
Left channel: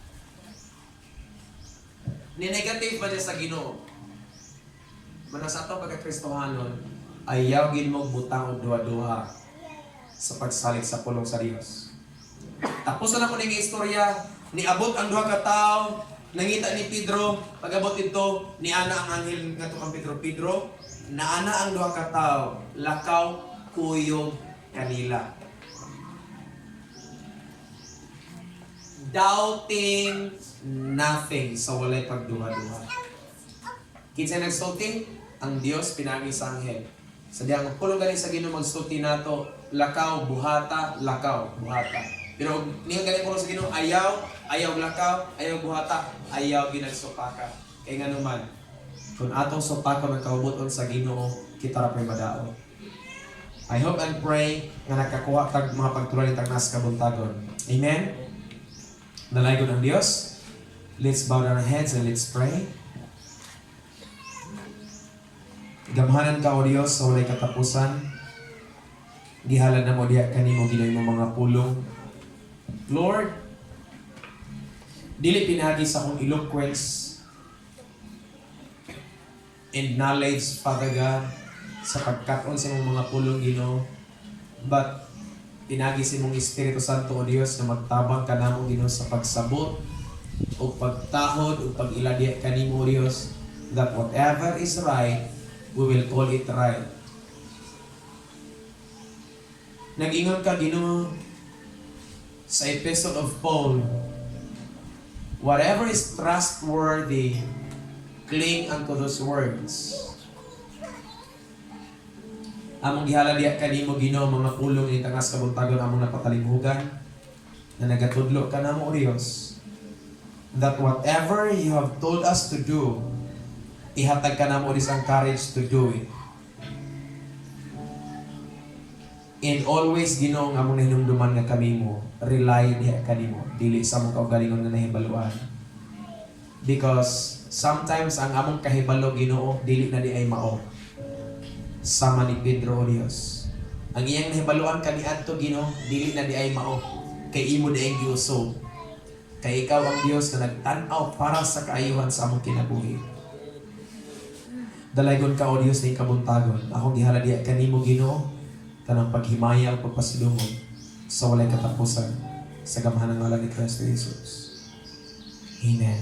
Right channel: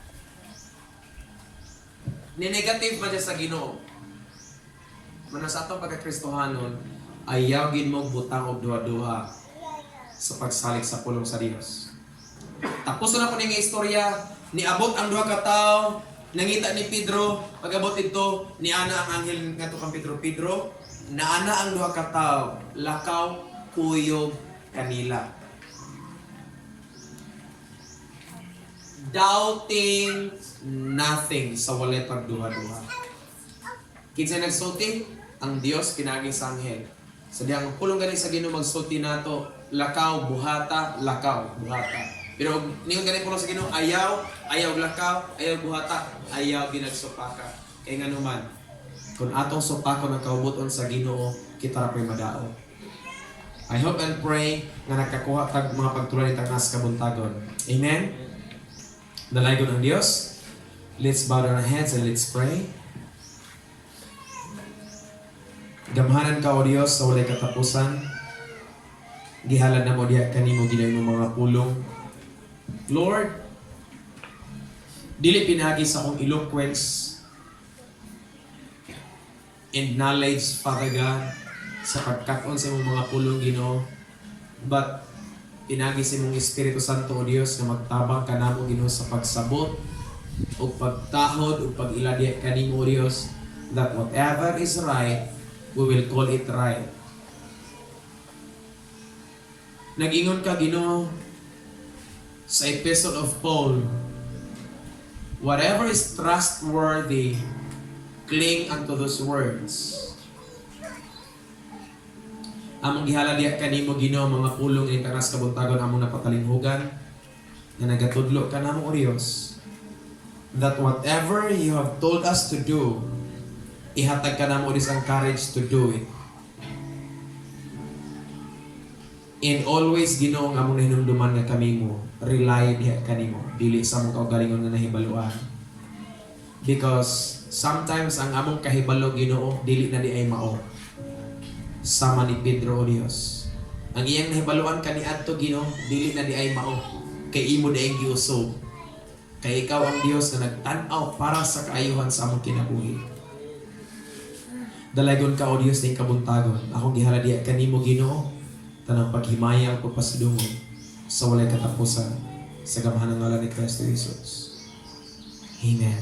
Ni negative man siya sa Ginoo. Mano sa atong pagka-Kristohanon, ayaw gid mo butang og duha-duha sa pagsalig sa pulong sa Dios. Tapos na po ning istorya, niabot ang duha ka tawo, nangita ni Pedro, pag-abot ito, ni ana ang anghel ngadto kang Pedro, naana ang duha ka tawo, lakaw kuyog kanila. Doubting nothing sa walay pagduha-duha. Kinsa nagsulti? Ang Dios pinagi sa anghel. Sa diyang pulong gani sa Ginoo magsulti nato, lakaw buhata, lakaw buhata. Pero ningon gani pulong sa Ginoo, ayaw lakaw, ayaw buhata, ayaw ginagsupaka. Kay nganuman, kung atong supakon ang kaubuton sa Ginoo, kita ra pay madaot. I hope and pray nga nakakuha kag mga pagtulay tang nas kabuntagon. Amen. Dalaygon ang Dios. Let's bow down our heads and let's pray. Gamhanan ka o Dios sa walay katapusan. Gihalad na mo diya kanimo ginoy mo mga pulong. Lord, dili pinagi sa akong eloquence and knowledge, Father God, sa pagkaon sa imong mga pulong Ginoo, but pinagi sa imong Espiritu Santo o Dios na magtabang ka namo Ginoo sa pagsabot o pagtahod o pag-iladi kanimo o Dios, that whatever is right, we will call it right. Nag-ingon ka Ginoo sa Epistle of Paul, whatever is trustworthy, cling unto those words. Among gihala diya kanimo Ginoo mga pulong ing tanas kabuntagon among napatalimhugan na nagatudlo ka namo o Dios, that whatever you have told us to do, ihatag ka namo this ang courage to do it. And always Ginoo nga among hinumduman nga kami mo, rely diha kanimo, dili sa among kaugalingon nga nahibaluan. Because sometimes ang among kahibalo Ginoo dili na di ay mao. Sama ni Pedro o Dios. Ang iyang nahibaluan kaniadto Ginoo dili na di ay mao. Kay imo di ay giusog. Kay ikaw ang Dios na nagtan-aw para sa kaayuhan sa among kinabuhi. Dalaygon ka o Dios sa kabuntagon. Akong gihala diya kanimo Ginoo tanang paghimaya ang pagpasidungog sa walay katapusan sa gamhanan ng ngalan ni Kristo Jesus. Amen.